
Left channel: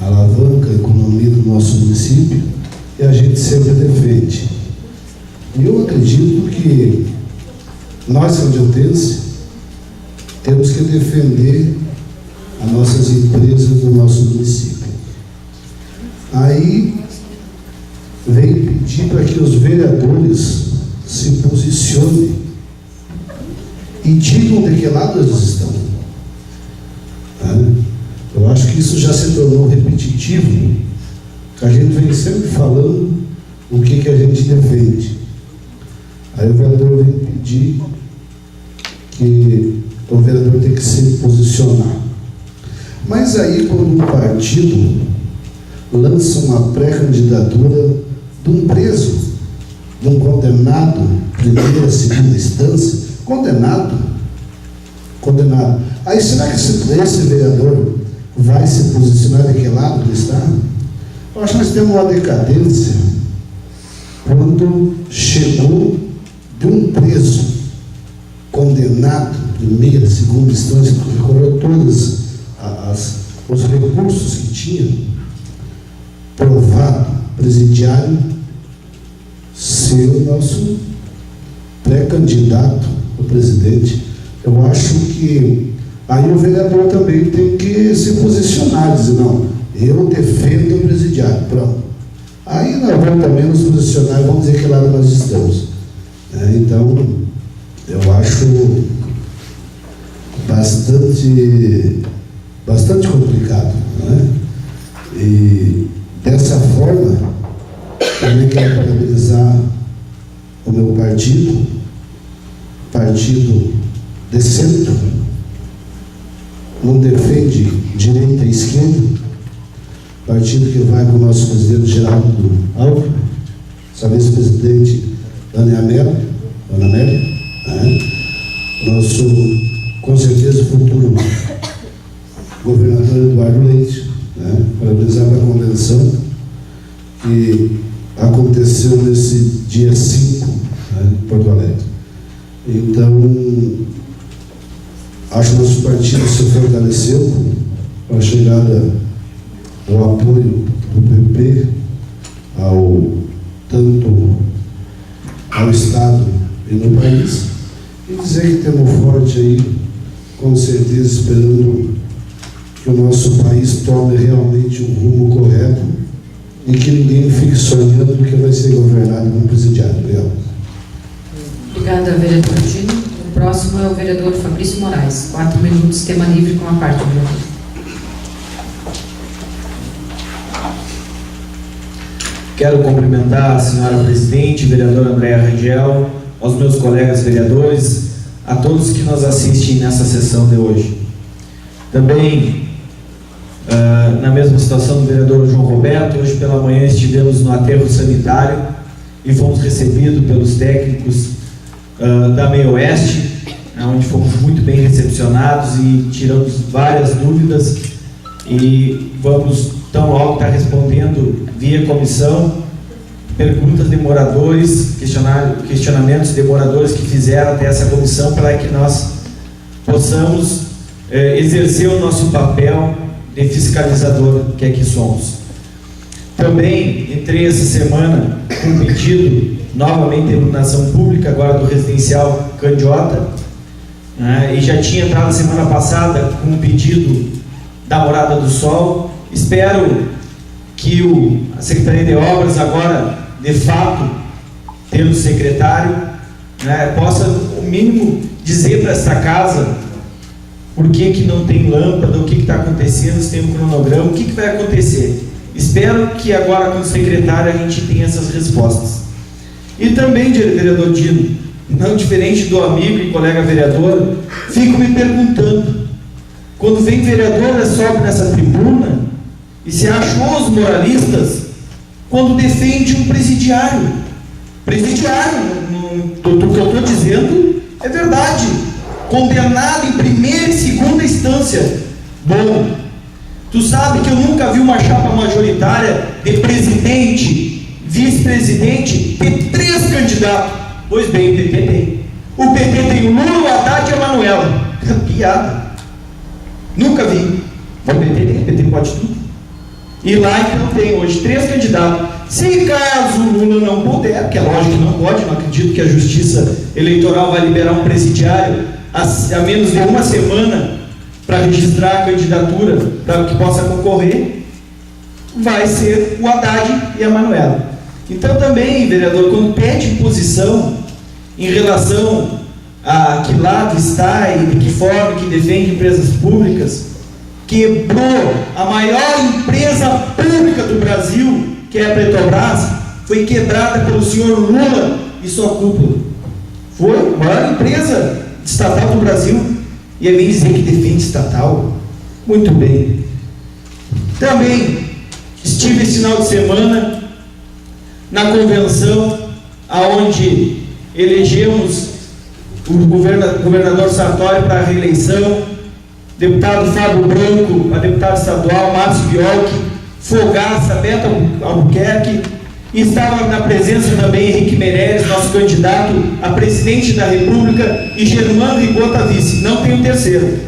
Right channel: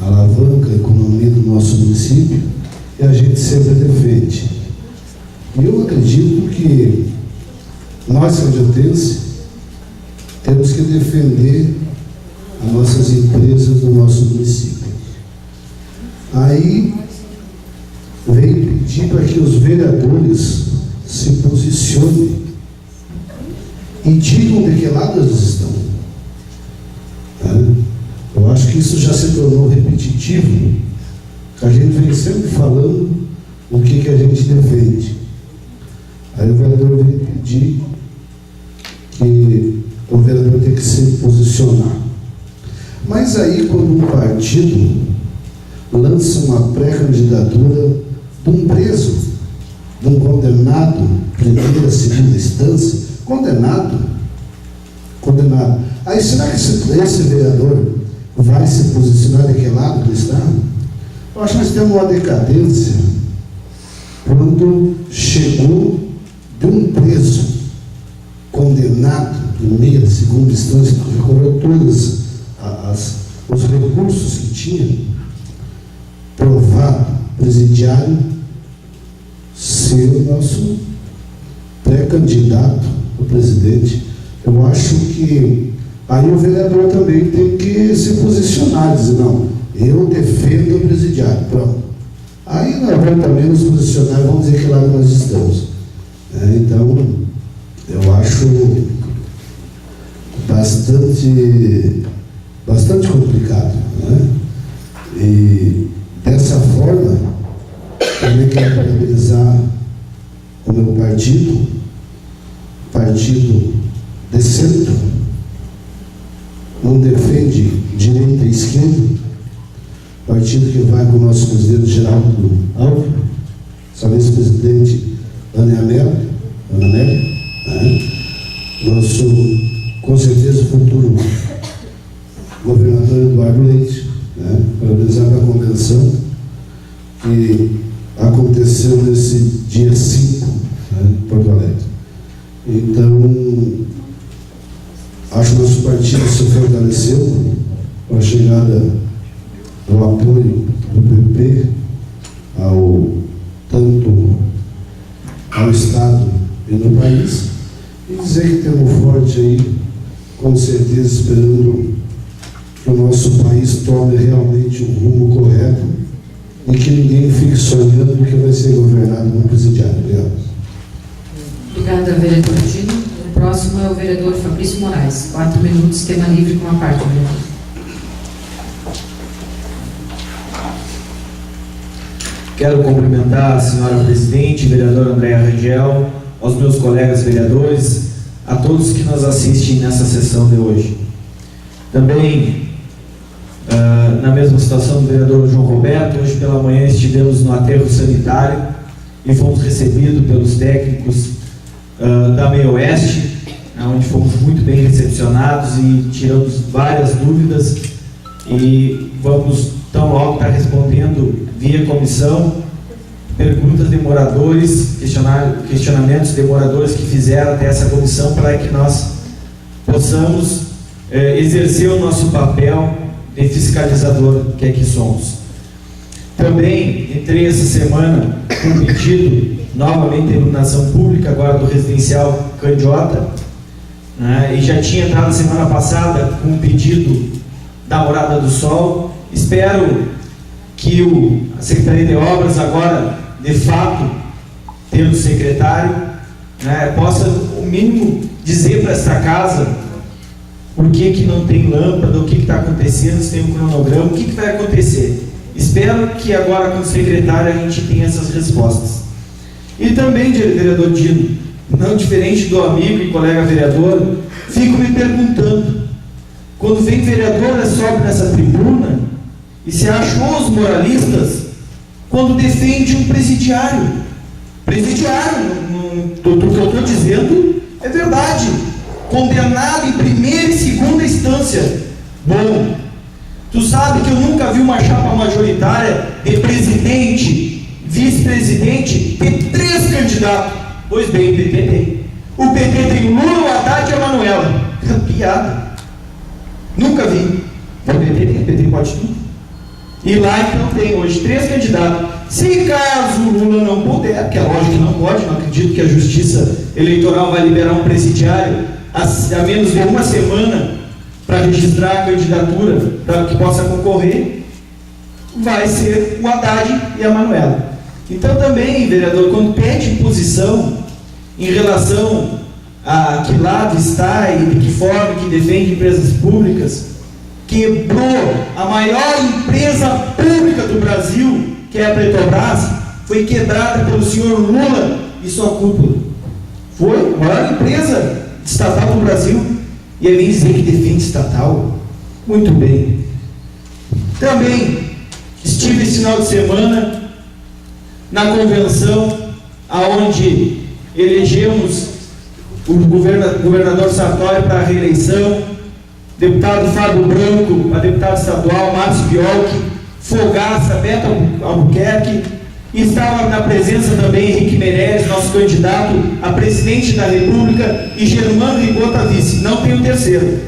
alavanca a economia do nosso município, e a gente sempre defende. E eu acredito que nós, sanjotenses, temos que defender as nossas empresas do nosso município. Aí veio pedir para que os vereadores se posicionem e digam de que lado eles estão. Eu acho que isso já se tornou repetitivo, que a gente vem sempre falando o que a gente defende. Aí o vereador vem pedir que o vereador tem que se posicionar. Mas aí, quando um partido lança uma pré-candidatura de um preso, de um condenado, primeira, segunda instância, condenado. Aí será que esse vereador vai se posicionar daquele lado do Estado? Eu acho que nós temos uma decadência quando chegou de um preso condenado, primeira, segunda instância, que recorreu todos os recursos que tinha, provado presidiário ser o nosso pré-candidato a presidente. Eu acho que aí o vereador também tem que se posicionar, dizer, não, eu defendo o presidiário, pronto. Aí nós vamos também nos posicionar e vamos dizer que lado nós estamos. Então, eu acho bastante complicado, né? E dessa forma, também quero parabenizar o meu partido de centro, não defende direita e esquerda, partido que vai com o nosso presidente Geraldo Alves, nossa vice-presidente Ana Amélia, nosso, com certeza, futuro governador Eduardo Leite, parabenizar para a convenção que aconteceu nesse dia 5, em Porto Alegre. Então, acho que nosso partido se fortaleceu com a chegada do apoio do PP tanto ao Estado e no país, e dizer que temos forte aí, com certeza, esperando que o nosso país tome realmente um rumo correto e que ninguém fique sonhando que vai ser governado no presidiário. Obrigado. Obrigada, vereador Dino. O próximo é o vereador Fabrício Moraes. 4 minutos, tema livre com a parte, vereador. Quero cumprimentar a senhora presidente, vereadora Andréa Rangel, aos meus colegas vereadores, a todos que nos assistem nessa sessão de hoje. Também, na mesma situação do vereador João Roberto, hoje pela manhã estivemos no aterro sanitário e fomos recebidos pelos técnicos da Meio Oeste, onde fomos muito bem recepcionados e tiramos várias dúvidas, e vamos tão logo estar respondendo via comissão perguntas de moradores, questionamentos de moradores que fizeram até essa comissão, para que nós possamos exercer o nosso papel de fiscalizador que é que somos. Também entrei essa semana com um pedido novamente de iluminação pública, agora do residencial Candiota, e já tinha entrado semana passada com um pedido da Morada do Sol. Espero que a Secretaria de Obras agora, de fato, tendo secretário, possa, o mínimo, dizer para esta casa por que não tem lâmpada, o que está acontecendo, se tem um cronograma, o que vai acontecer. Espero que agora, com o secretário, a gente tenha essas respostas. E também, vereador Dino, não diferente do amigo e colega vereador, fico me perguntando, quando vem vereadora, sobe nessa tribuna e se acham os moralistas quando defende um presidiário. Presidiário, o que eu estou dizendo é verdade. Condenado em primeira e segunda instância. Bom, tu sabe que eu nunca vi uma chapa majoritária de presidente, vice-presidente, ter 3 candidatos. Pois bem, o PT tem. O PT tem o Lula, o Haddad e a Manuela. Piada. Nunca vi. O PT pode tudo. E lá então tem hoje 3 candidatos. Se caso o Lula não puder, que é lógico que não pode, não acredito que a Justiça Eleitoral vai liberar um presidiário a menos de uma semana para registrar a candidatura para que possa concorrer, vai ser o Haddad e a Manuela. Então também, vereador, quando pede posição em relação a que lado está e de que forma que defende empresas públicas, quebrou a maior empresa pública do Brasil, que é a Petrobras, foi quebrada pelo senhor Lula e sua cúpula. Foi a maior empresa estatal do Brasil, e aí vem dizer que defende estatal. Muito bem. Também estive esse final de semana na convenção aonde elegemos o governador Sartori para a reeleição, deputado Fábio Branco para deputado estadual, Márcio Biolchi, Fogaça, Beto Albuquerque, e estava na presença também Henrique Meirelles, nosso candidato a presidente da República, e Germano Rigota vice. Não tem o terceiro,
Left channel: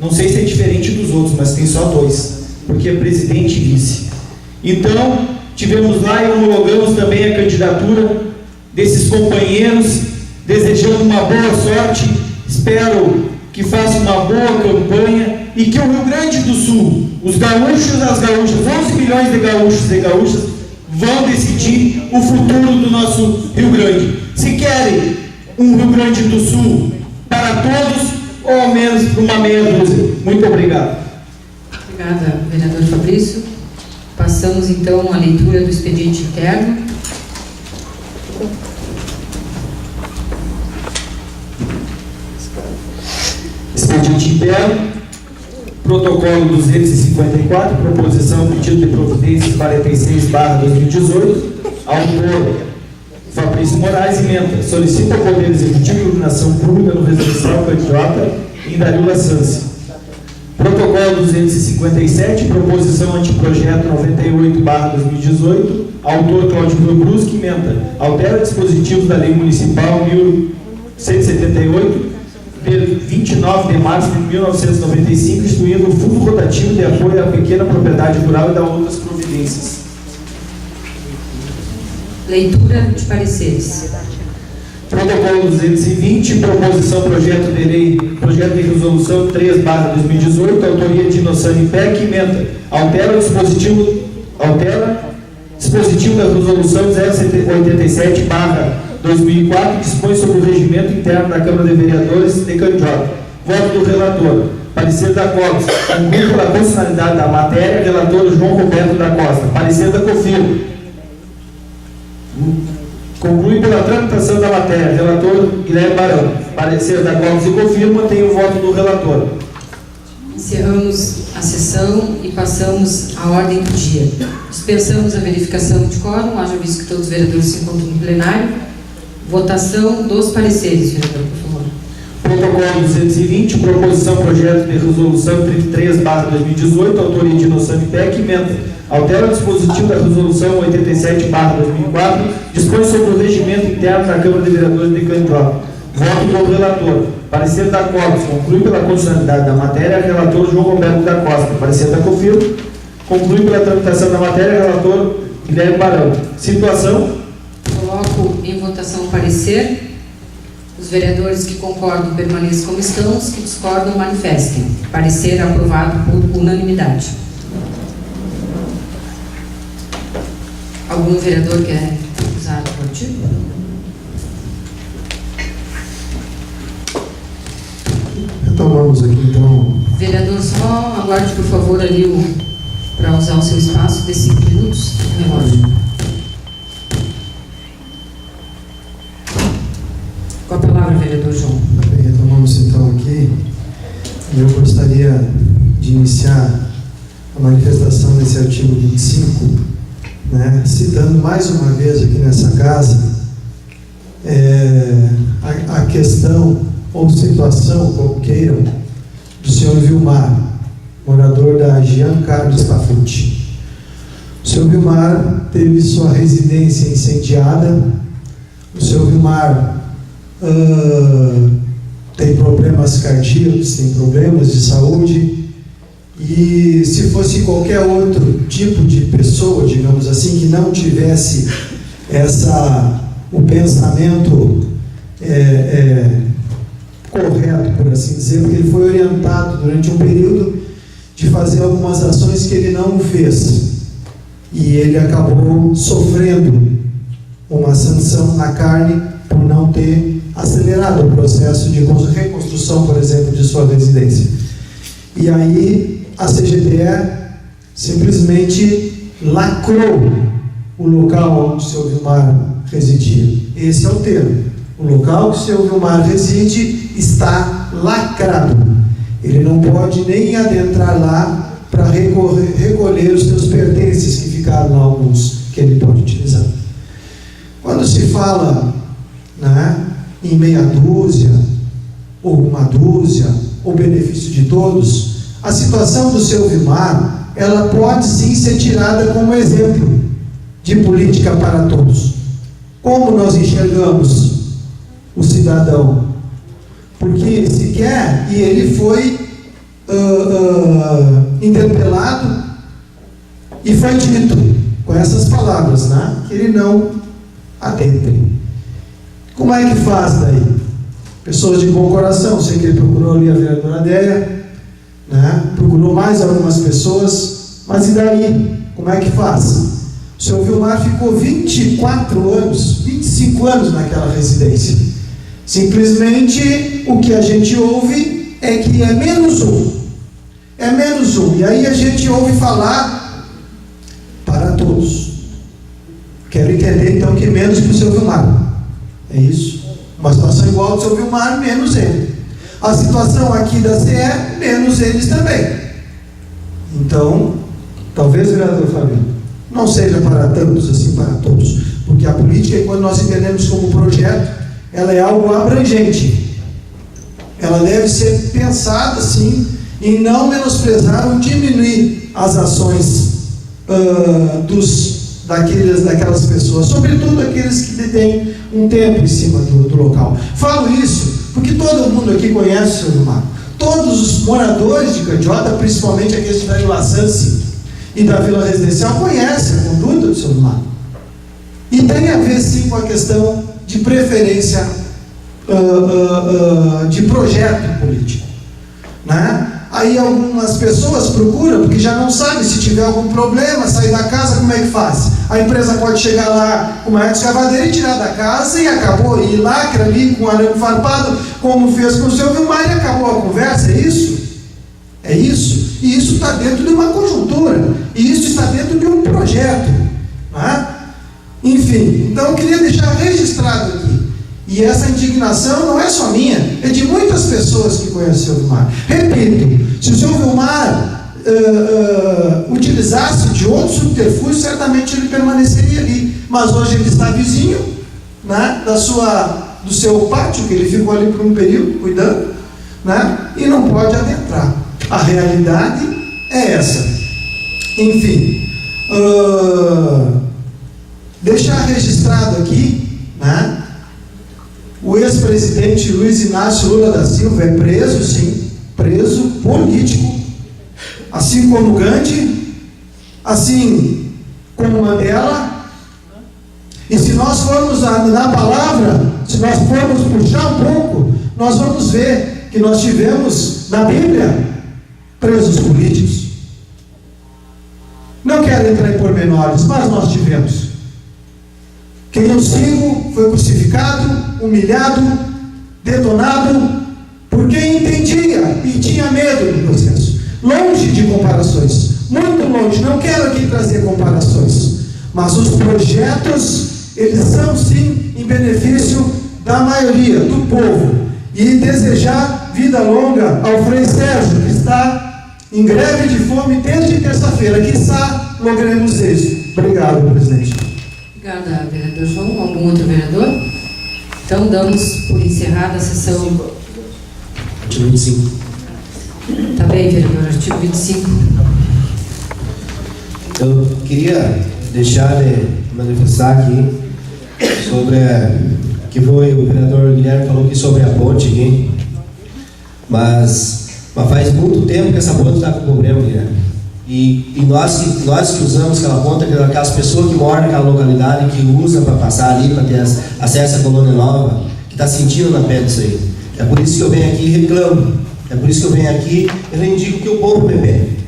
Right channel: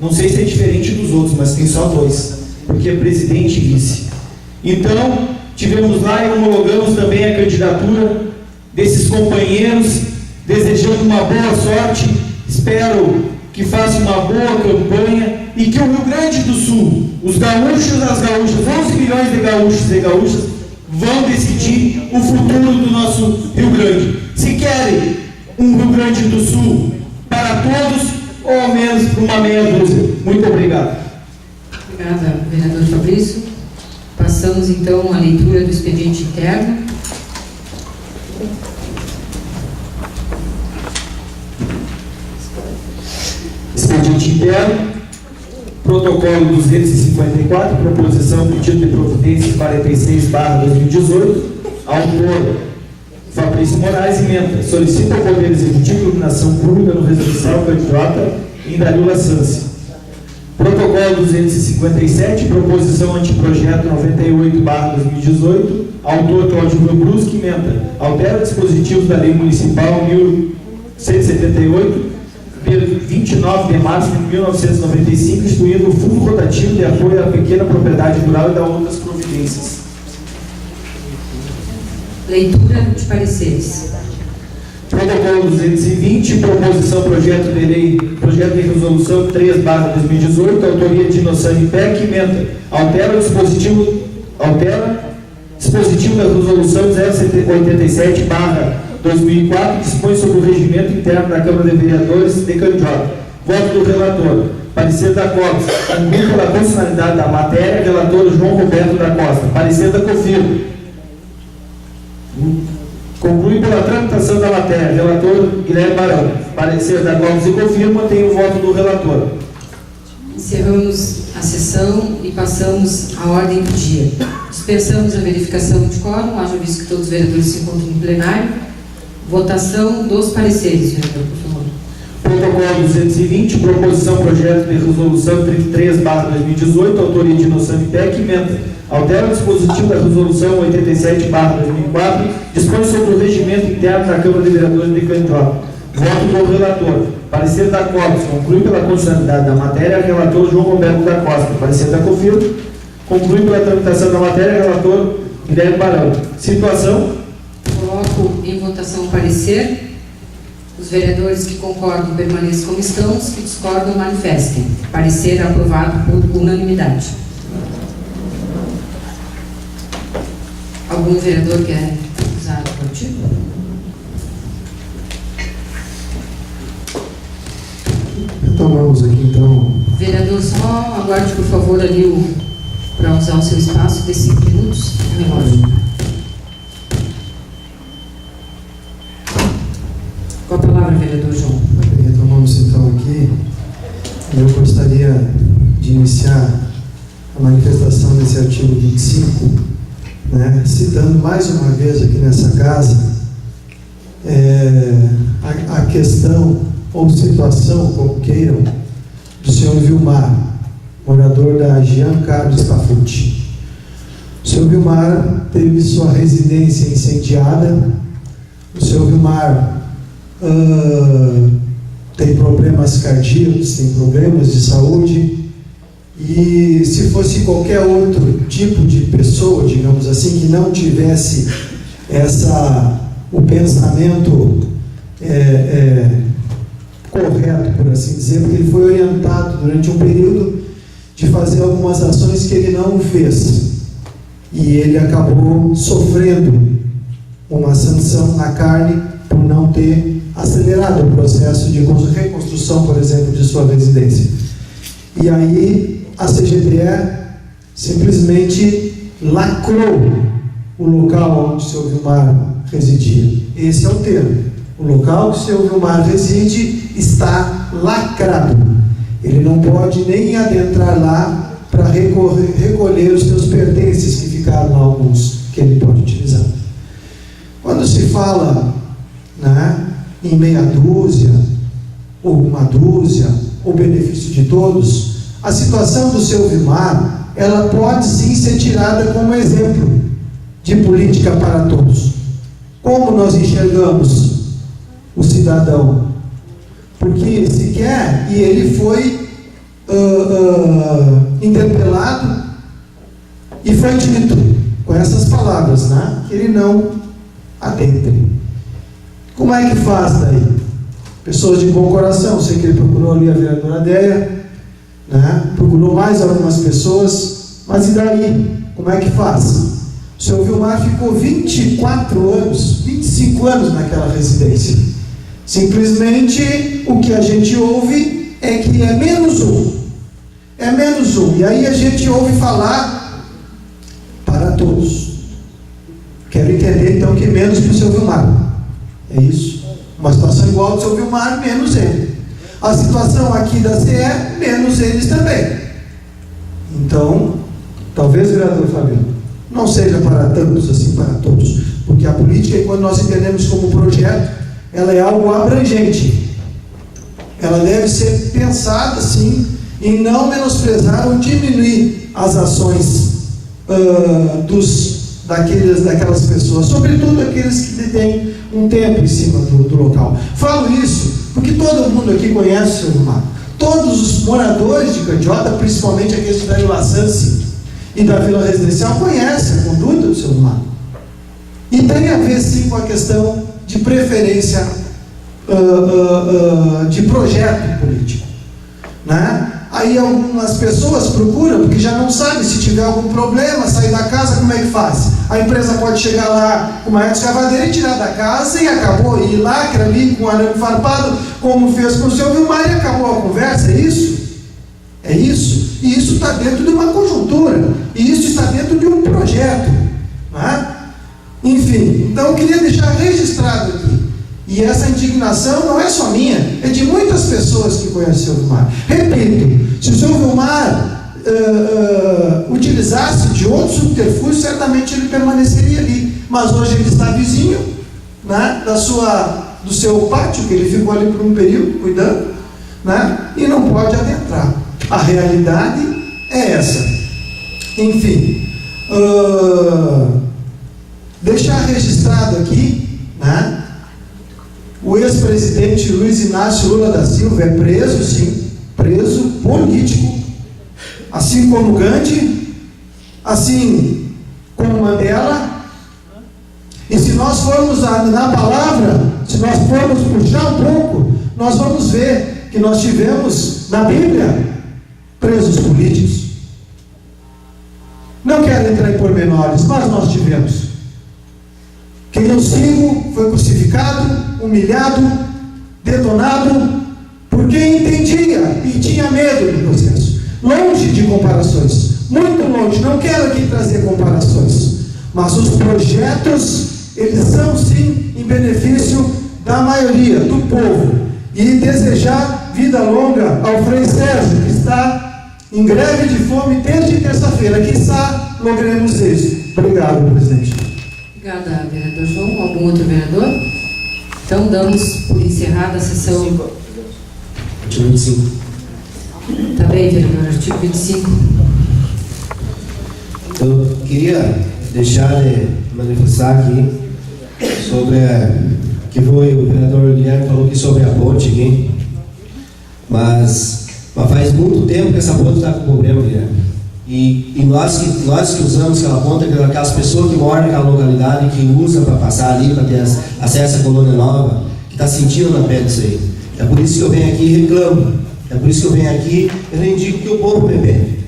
não sei se é diferente dos outros, mas tem só 2, porque é presidente e vice. Então, tivemos lá e homologamos também a candidatura desses companheiros, desejando uma boa sorte. Espero que faça uma boa campanha e que o Rio Grande do Sul, os gaúchos e as gaúchas, 11 milhões de gaúchos e gaúchas, vão decidir o futuro do nosso Rio Grande. Se querem um Rio Grande do Sul para todos, ou ao menos para uma meia dúzia. Muito obrigado. Obrigada, vereador Fabrício. Passamos então à leitura do expediente interno. Expediente interno, protocolo 254, proposição pedido de providências 46/2018, autor Fabrício Moraes, emenda, solicita ao Poder Executivo iluminação pública no residencial Candiota em Darila Sansi. Protocolo 257, proposição anteprojeto 98/2018, autor Cláudio Brusque, emenda, altera dispositivos da Lei Municipal 1178, de 29 de março de 1995, instituindo o Fundo Rotativo de Apoio à Pequena Propriedade Rural e da outras providências. Leitura de pareceres. Protocolo 220, proposição projeto de lei, projeto de resolução 3/2018, autoria de Inossani Peck, emenda, altera dispositivo da resolução 087/2004, dispõe sobre o regimento interno da Câmara de Vereadores de Candiota. Voto do relator. Parecer da COPS. Conclui pela constitucionalidade da matéria, relator João Roberto da Costa. Parecer da COFIL. Conclui pela tramitação da matéria, relator Guilherme Barão. Parecer da COPS e confirma, tem o voto do relator. Encerramos a sessão e passamos à ordem do dia. Dispensamos a verificação de quórum, haja visto que todos os vereadores se encontram no plenário. Votação dos pareceres, vereador, por favor. Protocolo 220, proposição projeto de resolução 33/2018, autoria de Inossani Peck, emenda, altera o dispositivo da resolução 87/2004, dispõe sobre o regimento interno da Câmara de Vereadores de Candiota. Voto do relator. Parecer da COPS. Conclui pela constitucionalidade da matéria, relator João Roberto da Costa. Parecer da COFIL. Conclui pela tramitação da matéria, relator Guilherme Barão. Situação. Coloco em votação o parecer. Os vereadores que concordam permaneçam como estão, os que discordam manifestem. Parecer aprovado por unanimidade. Algum vereador quer usar o artigo? Retomamos aqui então. Vereador, só aguarde por favor ali para usar o seu espaço de 5 minutos. Relógio. Com a palavra, vereador João. Retomamos então aqui. Eu gostaria de iniciar a manifestação desse artigo 25, citando mais uma vez aqui nessa casa a questão ou situação, como queiram, do senhor Vilmar, morador da Jean Carlos Tafuti. O senhor Vilmar teve sua residência incendiada. O senhor Vilmar tem problemas cardíacos, tem problemas de saúde, e se fosse qualquer outro tipo de pessoa, digamos assim, que não tivesse o pensamento correto, por assim dizer, porque ele foi orientado durante um período de fazer algumas ações que ele não fez, e ele acabou sofrendo uma sanção na carne por não ter acelerado o processo de reconstrução, por exemplo, de sua residência. E aí a CGTE simplesmente lacrou o local onde o seu Vilmar residia. Esse é o termo. O local que o seu Vilmar reside está lacrado. Ele não pode nem adentrar lá para recolher os seus pertences que ficaram lá, alguns que ele pode utilizar. Quando se fala em meia dúzia, ou uma dúzia, ou benefício de todos, a situação do seu Vilmar, ela pode sim ser tirada como exemplo de política para todos. Como nós enxergamos o cidadão? Porque sequer, e ele foi interpelado, e foi dito, com essas palavras, né? Que ele não adentre. Como é que faz daí? Pessoas de bom coração, sei que ele procurou ali a vereadora Adélia, né? Procurou mais algumas pessoas, mas e daí? Como é que faz? O senhor Vilmar ficou 24 anos, 25 anos naquela residência. Simplesmente o que a gente ouve é que é menos um. É menos um. E aí a gente ouve falar para todos. Quero entender então que menos para o seu Vilmar. É isso? Uma situação igual ao do seu Vilmar, menos ele. A situação aqui da CE, menos eles também. Então, talvez, vereador Fabiano, não seja para tantos assim, para todos. Porque a política, quando nós entendemos como projeto, ela é algo abrangente. Ela deve ser pensada assim, em não menosprezar ou diminuir as ações daquelas pessoas, sobretudo aqueles que têm um tempo em cima do local. Falo isso porque todo mundo aqui conhece o seu Vilmar. Todos os moradores de Candiota, principalmente aqueles da Vila Sansi e da Vila Residencial, conhecem a conduta do seu Vilmar. E tem a ver sim com a questão de preferência de projeto político, né? Aí algumas pessoas procuram, porque já não sabem se tiver algum problema, sair da casa, como é que faz? A empresa pode chegar lá com uma escavadeira e tirar da casa e acabou, e lacra ali com arame farpado, como fez com o seu Vilmar, e acabou a conversa, é isso? É isso? E isso está dentro de uma conjuntura, e isso está dentro de um projeto, né? Enfim, então eu queria deixar registrado aqui. E essa indignação não é só minha, é de muitas pessoas que conhecem o Vilmar. Repito, se o seu Vilmar utilizasse de outro subterfúgio, certamente ele permaneceria ali. Mas hoje ele está vizinho, né, do seu pátio, que ele ficou ali por um período cuidando, né, e não pode adentrar. A realidade é essa. Enfim, deixar registrado aqui, né? O ex-presidente Luiz Inácio Lula da Silva é preso, sim, preso político, assim como Gandhi, assim como Mandela. E se nós formos na palavra, se nós formos puxar um pouco, nós vamos ver que nós tivemos na Bíblia presos políticos. Não quero entrar em pormenores, mas nós tivemos. Quem eu sigo foi crucificado, humilhado, detonado, porque entendia e tinha medo do processo. Longe de comparações, muito longe, não quero aqui trazer comparações, mas os projetos, eles são sim em benefício da maioria, do povo. E desejar vida longa ao Frei Sérgio, que está em greve de fome desde terça-feira. Quiçá logremos isso. Obrigado, presidente. Obrigada, vereador João. Algum outro vereador? Então, damos por encerrada a sessão. Artigo 25. Tá bem, vereador. Artigo 25. Eu queria deixar de manifestar aqui sobre que foi o vereador Guilherme falou aqui sobre a ponte aqui, mas faz muito tempo que essa ponte está com problema, Guilherme. E nós que usamos aquela ponte, aquelas pessoas que moram naquela localidade, que usam para passar ali, para ter acesso à Colônia Nova, que está sentindo na pele isso aí. É por isso que eu venho aqui e reclamo. É por isso que eu venho aqui e reivindico que o povo me pede.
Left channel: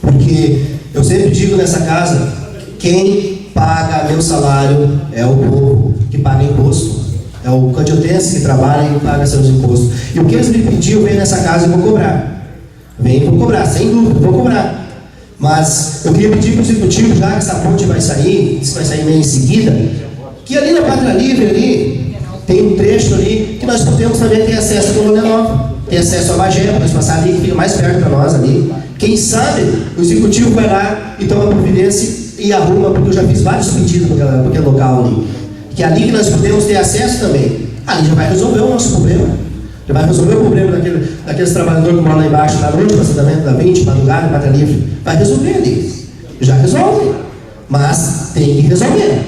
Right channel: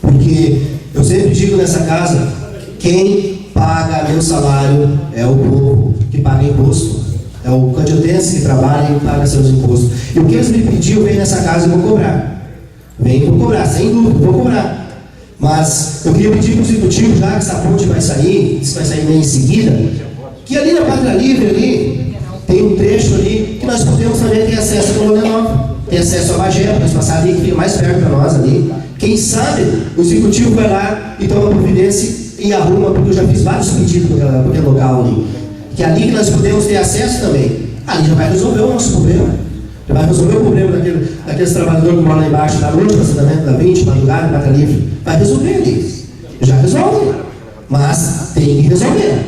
Porque eu sempre digo nessa casa, quem paga meu salário é o povo que paga imposto. É o candiotense que trabalha e paga seus impostos. E o que eles me pediram, eu venho nessa casa e vou cobrar. Venho vou cobrar, sem dúvida, vou cobrar. Mas eu queria pedir para o executivo, já que essa ponte vai sair, isso vai sair meio em seguida, que ali na Pátria Livre, ali, tem um trecho ali, que nós podemos também ter acesso à Colônia Nova, ter acesso à Bagé, para nós passar ali, que fica mais perto para nós ali. Quem sabe o executivo vai lá e toma providência e arruma, porque eu já fiz vários pedidos para aquele local ali. Que é ali que nós podemos ter acesso também. Ali já vai resolver o nosso problema. Já vai resolver o problema daqueles trabalhadores que moram lá embaixo, na noite, no assentamento da 20, madrugada, Pátria Livre. Vai resolver ali. Já resolve. Mas tem que resolver.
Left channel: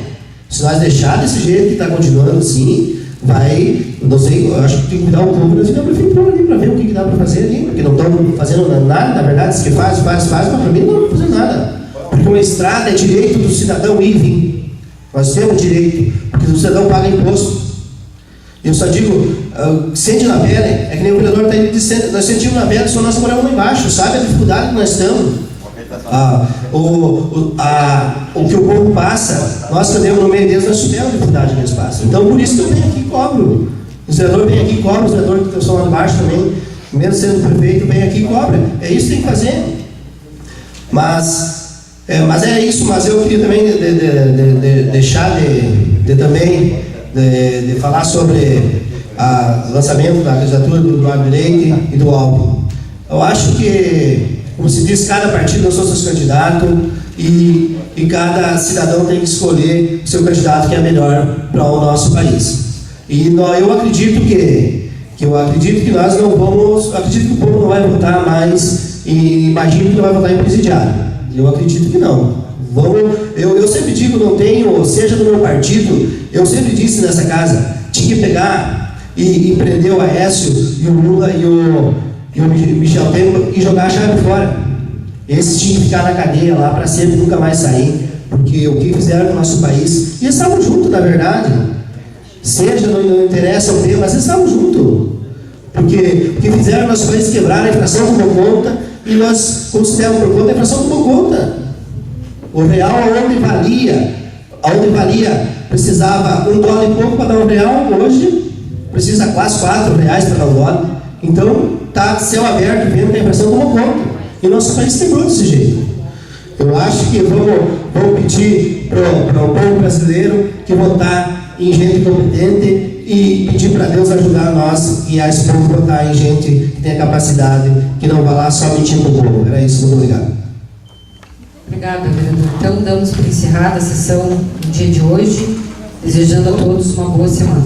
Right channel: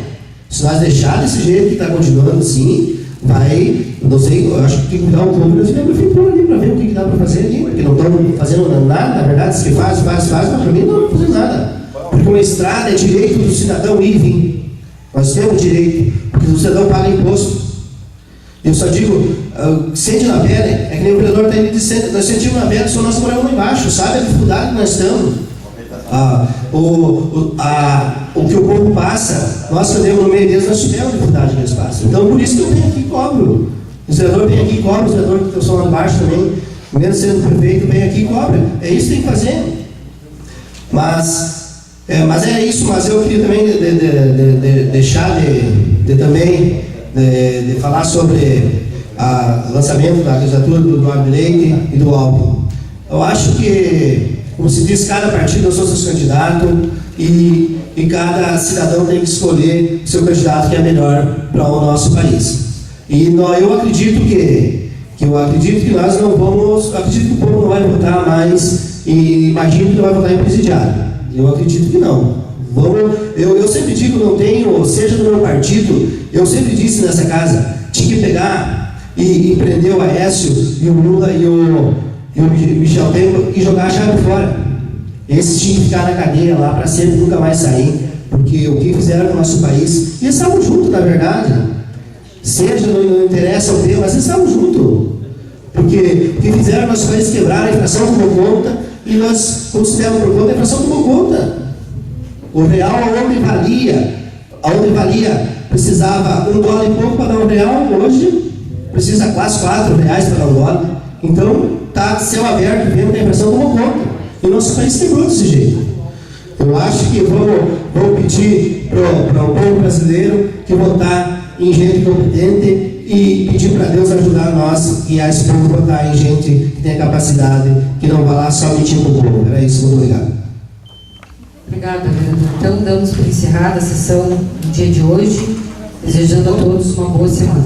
Se nós deixar desse jeito que está continuando assim, vai, não sei, eu acho que tem que dar um pouco da prefeitura ali para ver o que dá para fazer ali. Porque não estão fazendo nada, na verdade, diz que faz, mas para mim não estão fazendo nada. Porque uma estrada é direito do cidadão ir e vir. Nós temos direito, porque o cidadão paga imposto. Eu só digo, sente na pele, é que nem o vereador está dizendo, nós sentimos na pele, só nós moramos lá embaixo, sabe a dificuldade que nós estamos. O que o povo passa, nós que andamos no meio deles, nós tivemos a dificuldade que eles passam. Então, por isso que eu venho aqui e cobro. O vereador vem aqui e cobra, os vereadores que estão lá embaixo também, mesmo sendo prefeito, vem aqui e cobra. É isso que tem que fazer. Mas é isso, mas eu queria também deixar de falar sobre o lançamento da candidatura do Eduardo Leite e do Alvo. Eu acho que, como se diz, cada partido é o seu candidato e cada cidadão tem que escolher o seu candidato que é melhor para o nosso país. E eu acredito que nós não vamos, acredito que o povo não vai votar mais e imagino que não vai votar em presidiário. Eu acredito que não. Eu sempre digo, não tenho, seja do meu partido, eu sempre disse nessa casa, tinha que pegar e prender o Aécio e o Lula e o Michel Temer e jogar a chave fora. Esses tinham que ficar na cadeia lá para sempre, nunca mais sair, porque o que fizeram no nosso país, e eles estavam juntos, na verdade. Seja, não interessa o tema, mas eles estavam juntos. Porque o que fizeram no nosso país quebrar, a inflação tomou conta, e nós consideramos por conta, a inflação tomou conta. O real, aonde valia, precisava $1 e pouco para dar R$1, hoje precisa quase R$4 para dar $1. Então, está céu aberto, vendo que a inflação tomou conta. E o nosso país quebrou desse jeito. Eu acho que vamos pedir para o povo brasileiro que votar em gente competente e pedir para Deus ajudar nós e a esse povo votar em gente que tenha capacidade, que não vá lá só mentindo para o povo. Era isso, muito obrigado. Obrigada, vereador. Então, damos por encerrada a sessão do dia de hoje, desejando a todos uma boa semana.